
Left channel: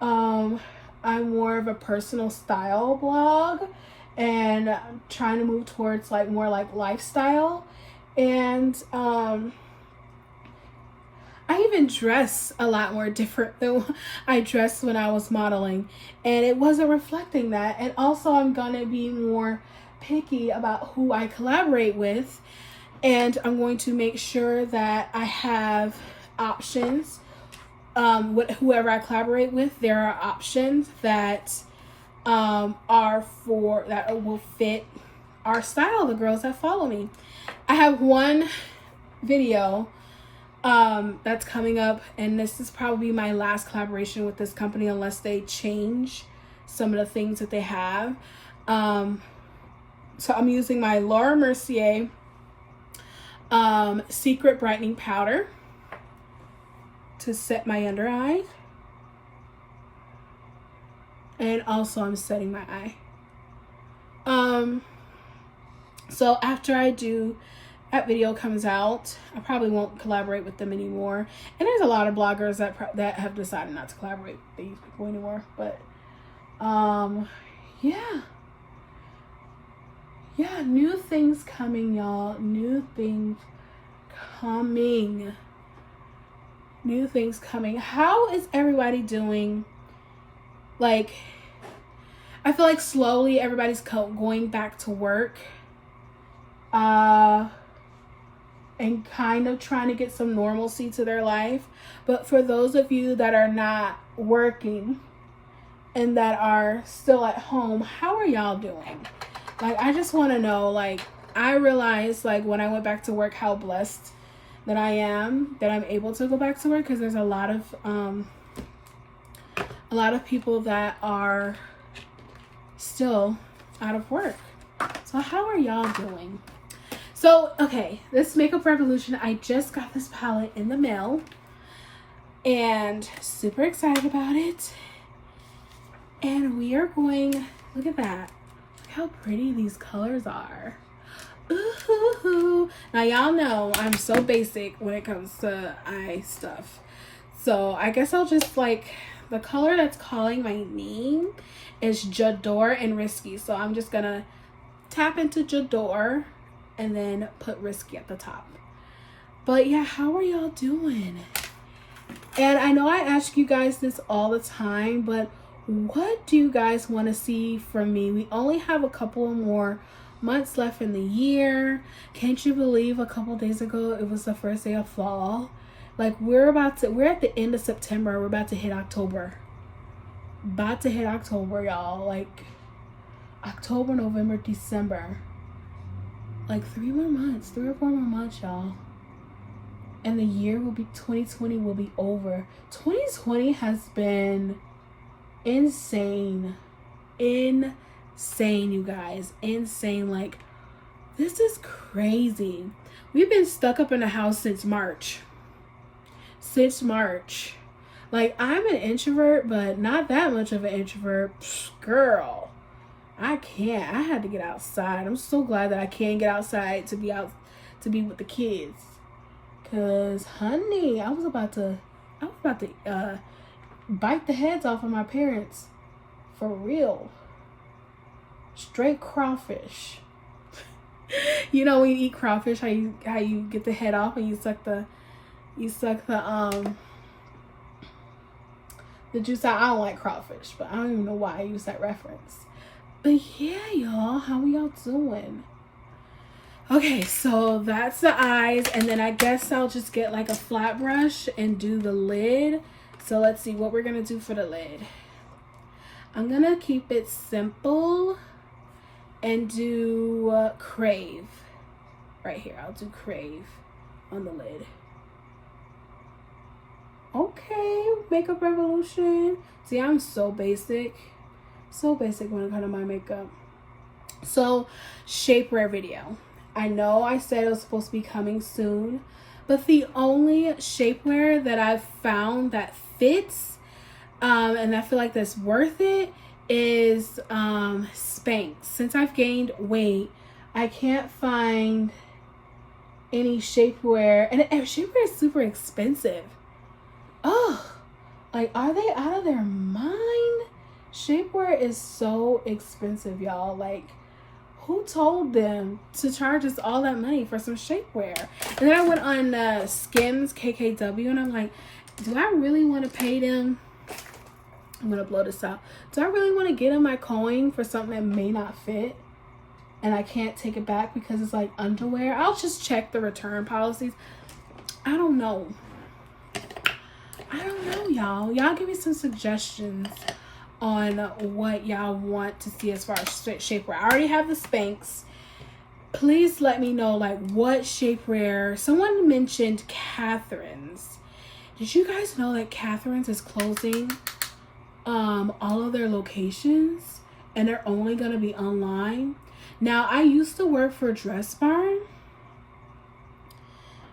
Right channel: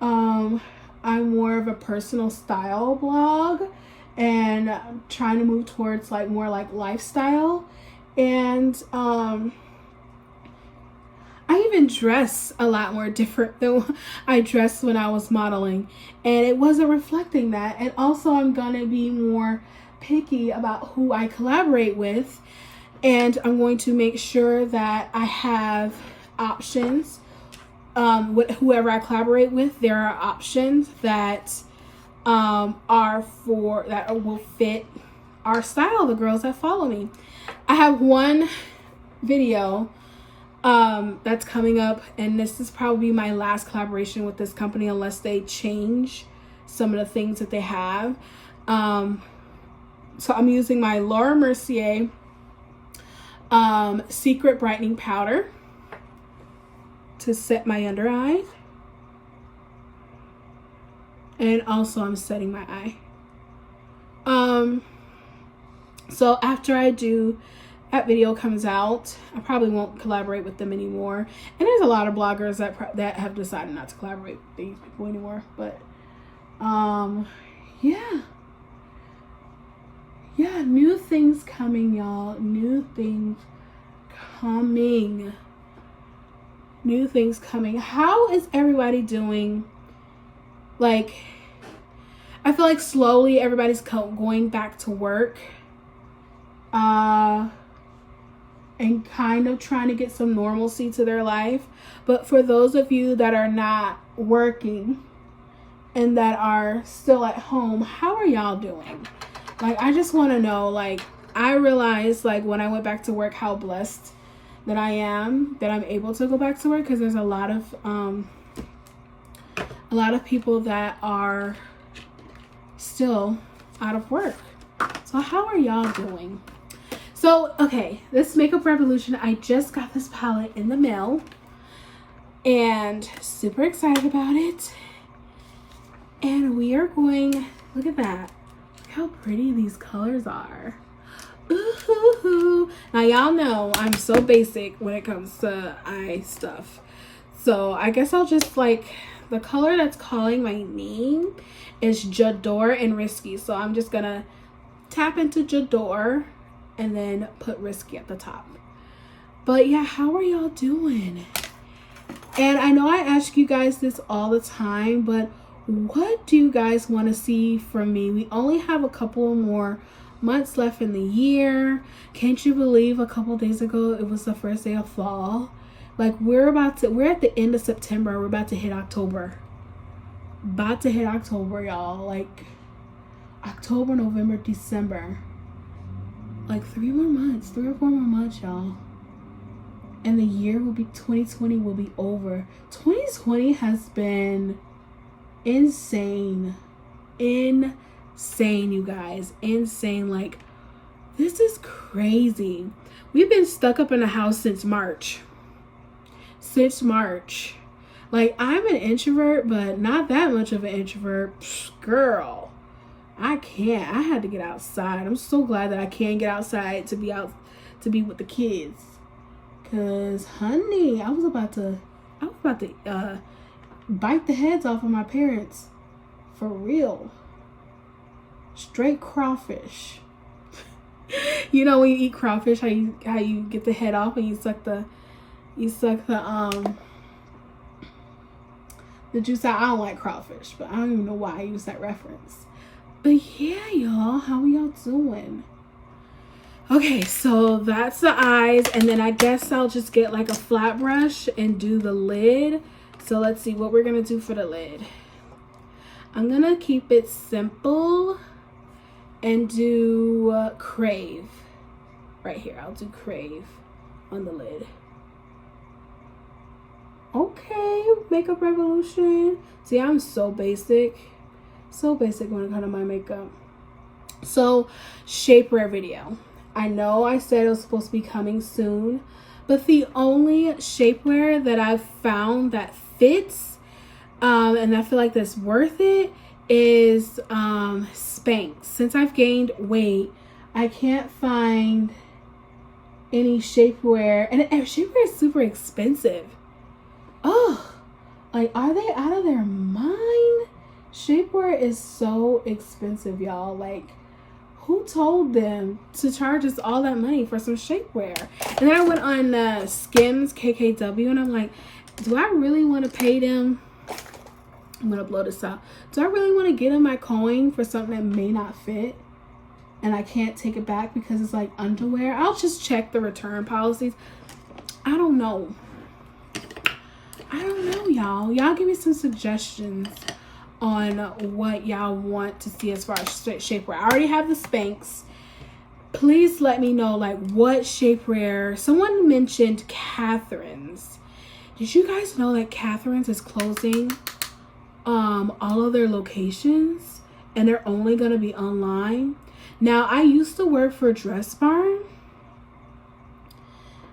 I'm more of a personal style blog, and trying to move towards like more like lifestyle. And I even dress a lot more different than I dressed when I was modeling, and it wasn't reflecting that. And also I'm gonna be more picky about who I collaborate with, and I'm going to make sure that I have options with whoever I collaborate with. There are options that will fit our style, the girls that follow me. I have one video that's coming up, and this is probably my last collaboration with this company unless they change some of the things that they have. So I'm using my Laura Mercier Secret Brightening Powder to set my under eye, and also I'm setting my eye. So after that video comes out, I probably won't collaborate with them anymore. And there's a lot of bloggers that have decided not to collaborate with these people anymore. But yeah, new things coming, y'all. New things coming. How is everybody doing? Like, I feel like slowly everybody's going back to work, and kind of trying to get some normalcy to their life. But for those of you that are not working and that are still at home, how are y'all doing? Like, I just want to know. Like, I realized, like, when I went back to work, how blessed that I am that I'm able to go back to work, because there's a lot of people that are still out of work. So how are y'all doing? So, okay, this Makeup Revolution, I just got this palette in the mail and super excited about it. And we are going, look at that. Look how pretty these colors are. Ooh. Now, y'all know I'm so basic when it comes to eye stuff. So I guess I'll just, like, the color that's calling my name is J'adore and Risky. So I'm just gonna tap into J'adore and then put Risky at the top. But yeah, how are y'all doing? And I know I ask you guys this all the time, but what do you guys want to see from me? We only have a couple more months left in the year. Can't you believe a couple days ago it was the first day of fall? Like, we're at the end of September. We're about to hit October. Y'all. Like, October, November, December. Like 3 or 4 more months, y'all. And the year 2020 will be over. 2020 has been insane, you guys. Insane. Like, this is crazy. We've been stuck up in the house since March. Like, I'm an introvert, but not that much of an introvert. Girl, I can't. I had to get outside. I'm so glad that I can get outside to be with the kids. Cause, honey, I was about to bite the heads off of my parents. For real. Straight crawfish. You know, when you eat crawfish, how you get the head off and you suck the juice out. I don't like crawfish, but I don't even know why I use that reference. But yeah, y'all, how are y'all doing? Okay, so that's the eyes, and then I guess I'll just get like a flat brush and do the lid. So let's see what we're gonna do for the lid. I'm gonna keep it simple and do Crave. right here. I'll do Crave on the lid. Okay, Makeup Revolution. See, I'm so basic. So basic when it comes to my makeup. So, shapewear video. I know I said it was supposed to be coming soon, but the only shapewear that I've found that fits, and I feel like that's worth it, is Spanx. Since I've gained weight, I can't find any shapewear, and shapewear is super expensive. Oh, like, are they out of their mind? Shapewear is so expensive, y'all. Like, who told them to charge us all that money for some shapewear? And then I went on Skims KKW, and I'm like, do I really want to pay them? I'm gonna blow this out. Do I really want to get them my coin for something that may not fit and I can't take it back because it's like underwear? I'll just check the return policies. I don't know. Y'all. Y'all give me some suggestions on what y'all want to see as far as shapewear. I already have the Spanx. Please let me know, like, what shapewear. Someone mentioned Catherine's. Did you guys know that Catherine's is closing all of their locations and they're only going to be online? Now, I used to work for Dress Barn,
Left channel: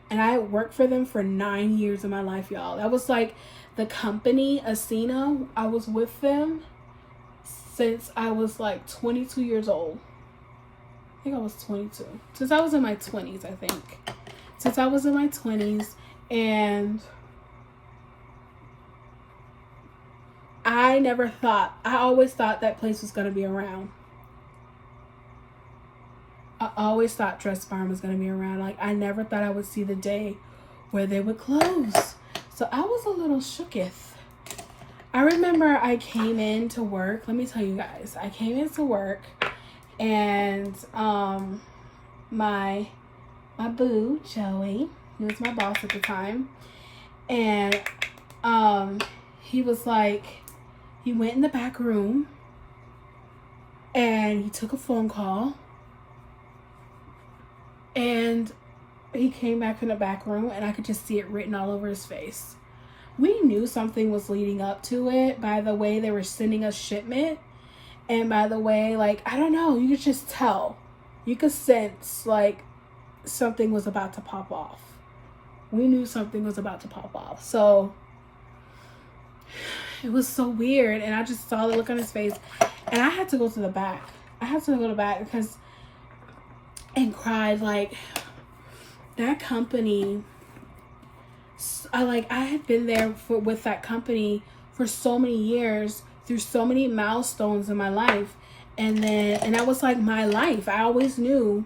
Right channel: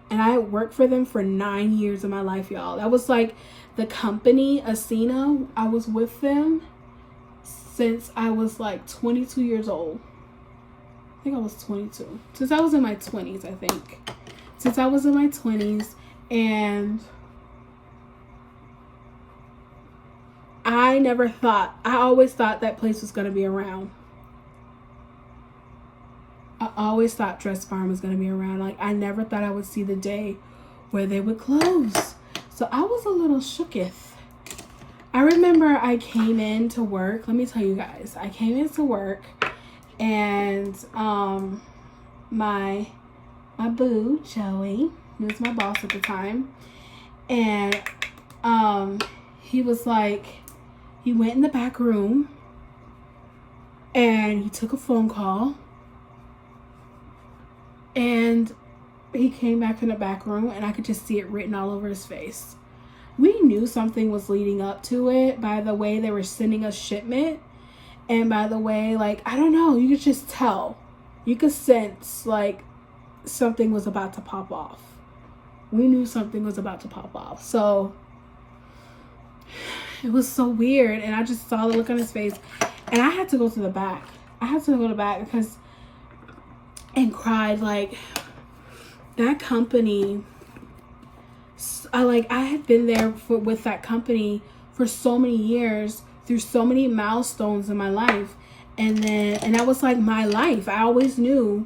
and I worked for them for 9 years of my life, y'all. That was like the company, Asina. I was with them since I was like 22 years old. I think I was 22. Since I was in my 20s, I think. Since I was in my 20s, and I always thought that place was going to be around. I always thought Dress Barn was going to be around. Like, I never thought I would see the day where they would close. So I was a little shooketh. I remember I came in to work. Let me tell you guys. I came into work, and my boo, Joey, he was my boss at the time. And he was like, he went in the back room and he took a phone call. And he came back from the back room, and I could just see it written all over his face. We knew something was leading up to it by the way they were sending us shipment. And by the way, like, I don't know, you could just tell. You could sense, like, something was about to pop off. We knew something was about to pop off. So, it was so weird. And I just saw the look on his face. And I had to go to the back. Because... and cried. Like, that company, I had been there with that company for so many years, through so many milestones in my life, and that was like my life. I always knew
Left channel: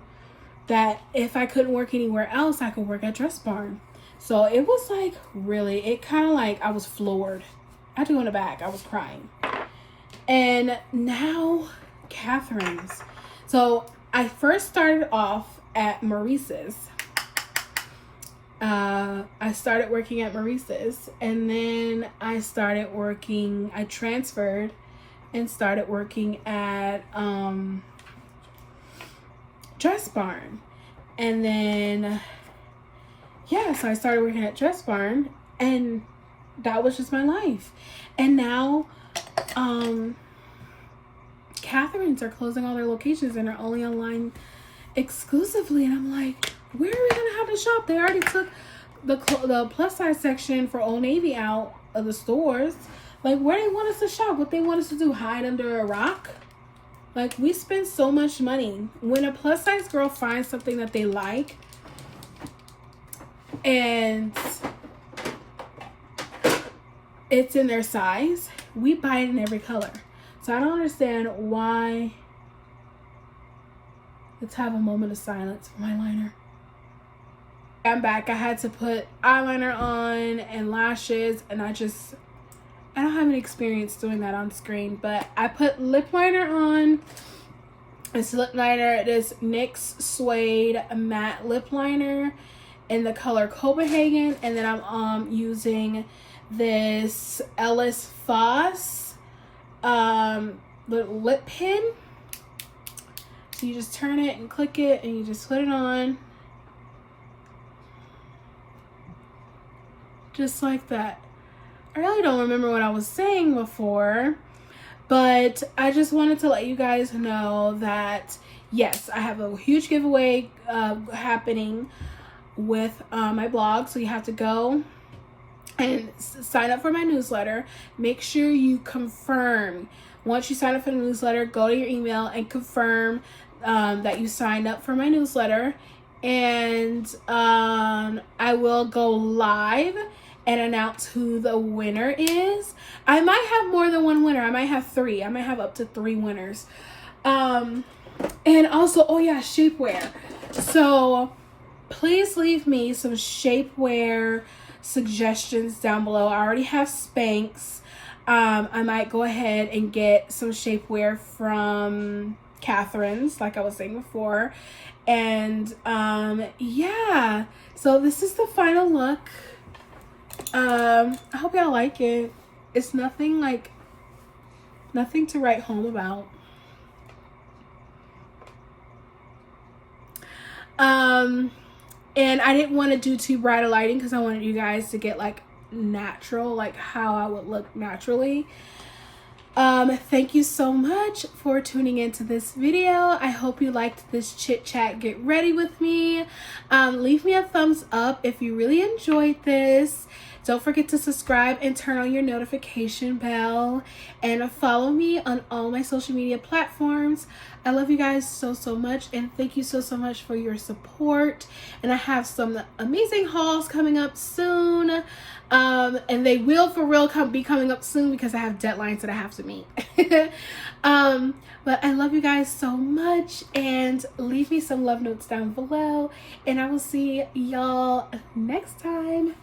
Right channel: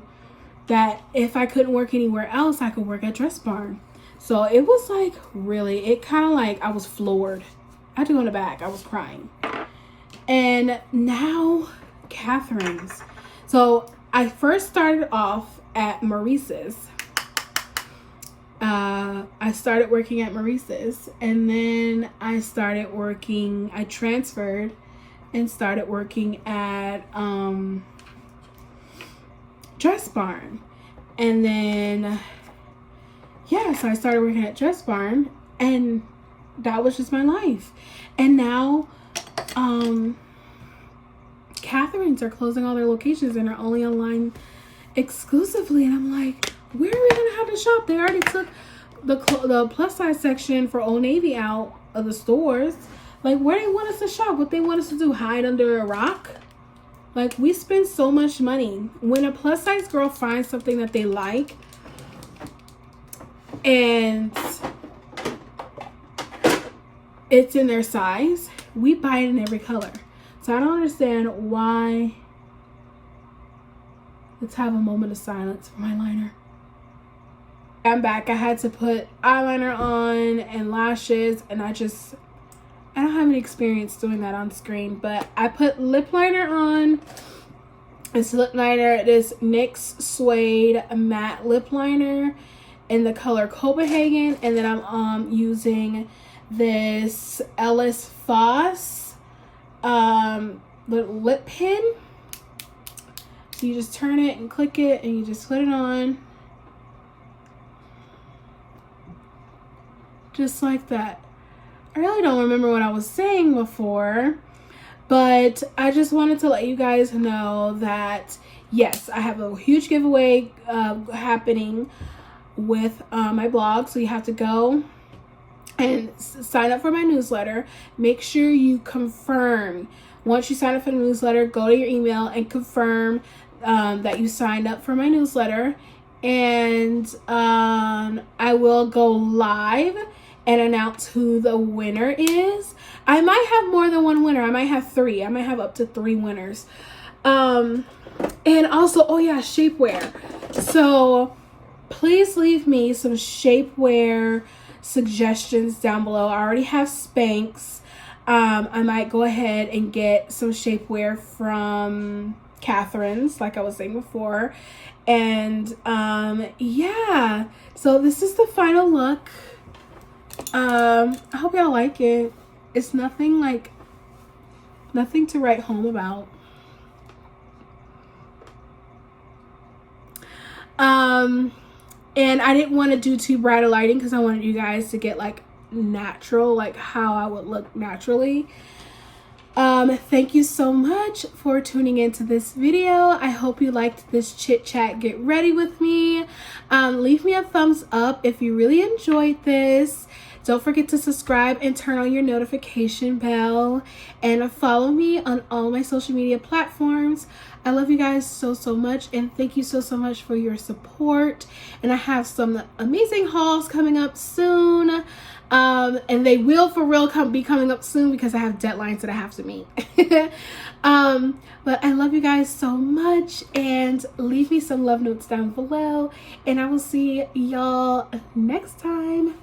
that if I couldn't work anywhere else, I could work at Dress Barn. So it was like, really, it kind of like, I was floored. I had to go in the back. I was crying. And now Catherine's. So I first started off at Maurice's. I started working at Maurice's, and then I transferred and started working at Dress Barn. And then, yeah, so I started working at Dress Barn, and that was just my life. And now, Catherine's are closing all their locations and are only online exclusively. And I'm like, where are we gonna have to shop? They already took the plus size section for Old Navy out of the stores. Like, where do they want us to shop? What they want us to do, hide under a rock? Like, we spend so much money. When a plus size girl finds something that they like, and it's in their size, we buy it in every color. So I don't understand why. Let's have a moment of silence for my liner. I'm back. I had to put eyeliner on and lashes, and I don't have any experience doing that on screen, but I put lip liner on. This lip liner, this NYX Suede matte lip liner in the color Copenhagen, and then I'm using this Elliss Faas little lip pen. So you just turn it and click it, and you just put it on. just like that. I really don't remember what I was saying before, but I just wanted to let you guys know that yes, I have a huge giveaway happening with my blog. So you have to go and sign up for my newsletter. Make sure you confirm. Once you sign up for the newsletter, go to your email and confirm that you signed up for my newsletter. And I will go live and announce who the winner is. I might have more than one winner. I might have 3. I might have up to 3 winners. And also, oh yeah, shapewear. So please leave me some shapewear suggestions down below. I already have Spanx. I might go ahead and get some shapewear from Catherine's, like I was saying before. And yeah, so this is the final look. I hope y'all like it. It's nothing to write home about. And I didn't want to do too bright a lighting because I wanted you guys to get like natural, like how I would look naturally. Thank you so much for tuning into this video. I hope you liked this chit chat get ready with me. Leave me a thumbs up if you really enjoyed this. Don't forget to subscribe and turn on your notification bell, and follow me on all my social media platforms. I love you guys so much, and thank you so much for your support. And I have some amazing hauls coming up soon, and they will for real be coming up soon because I have deadlines that I have to meet. But I love you guys so much, and leave me some love notes down below, and I will see y'all next time.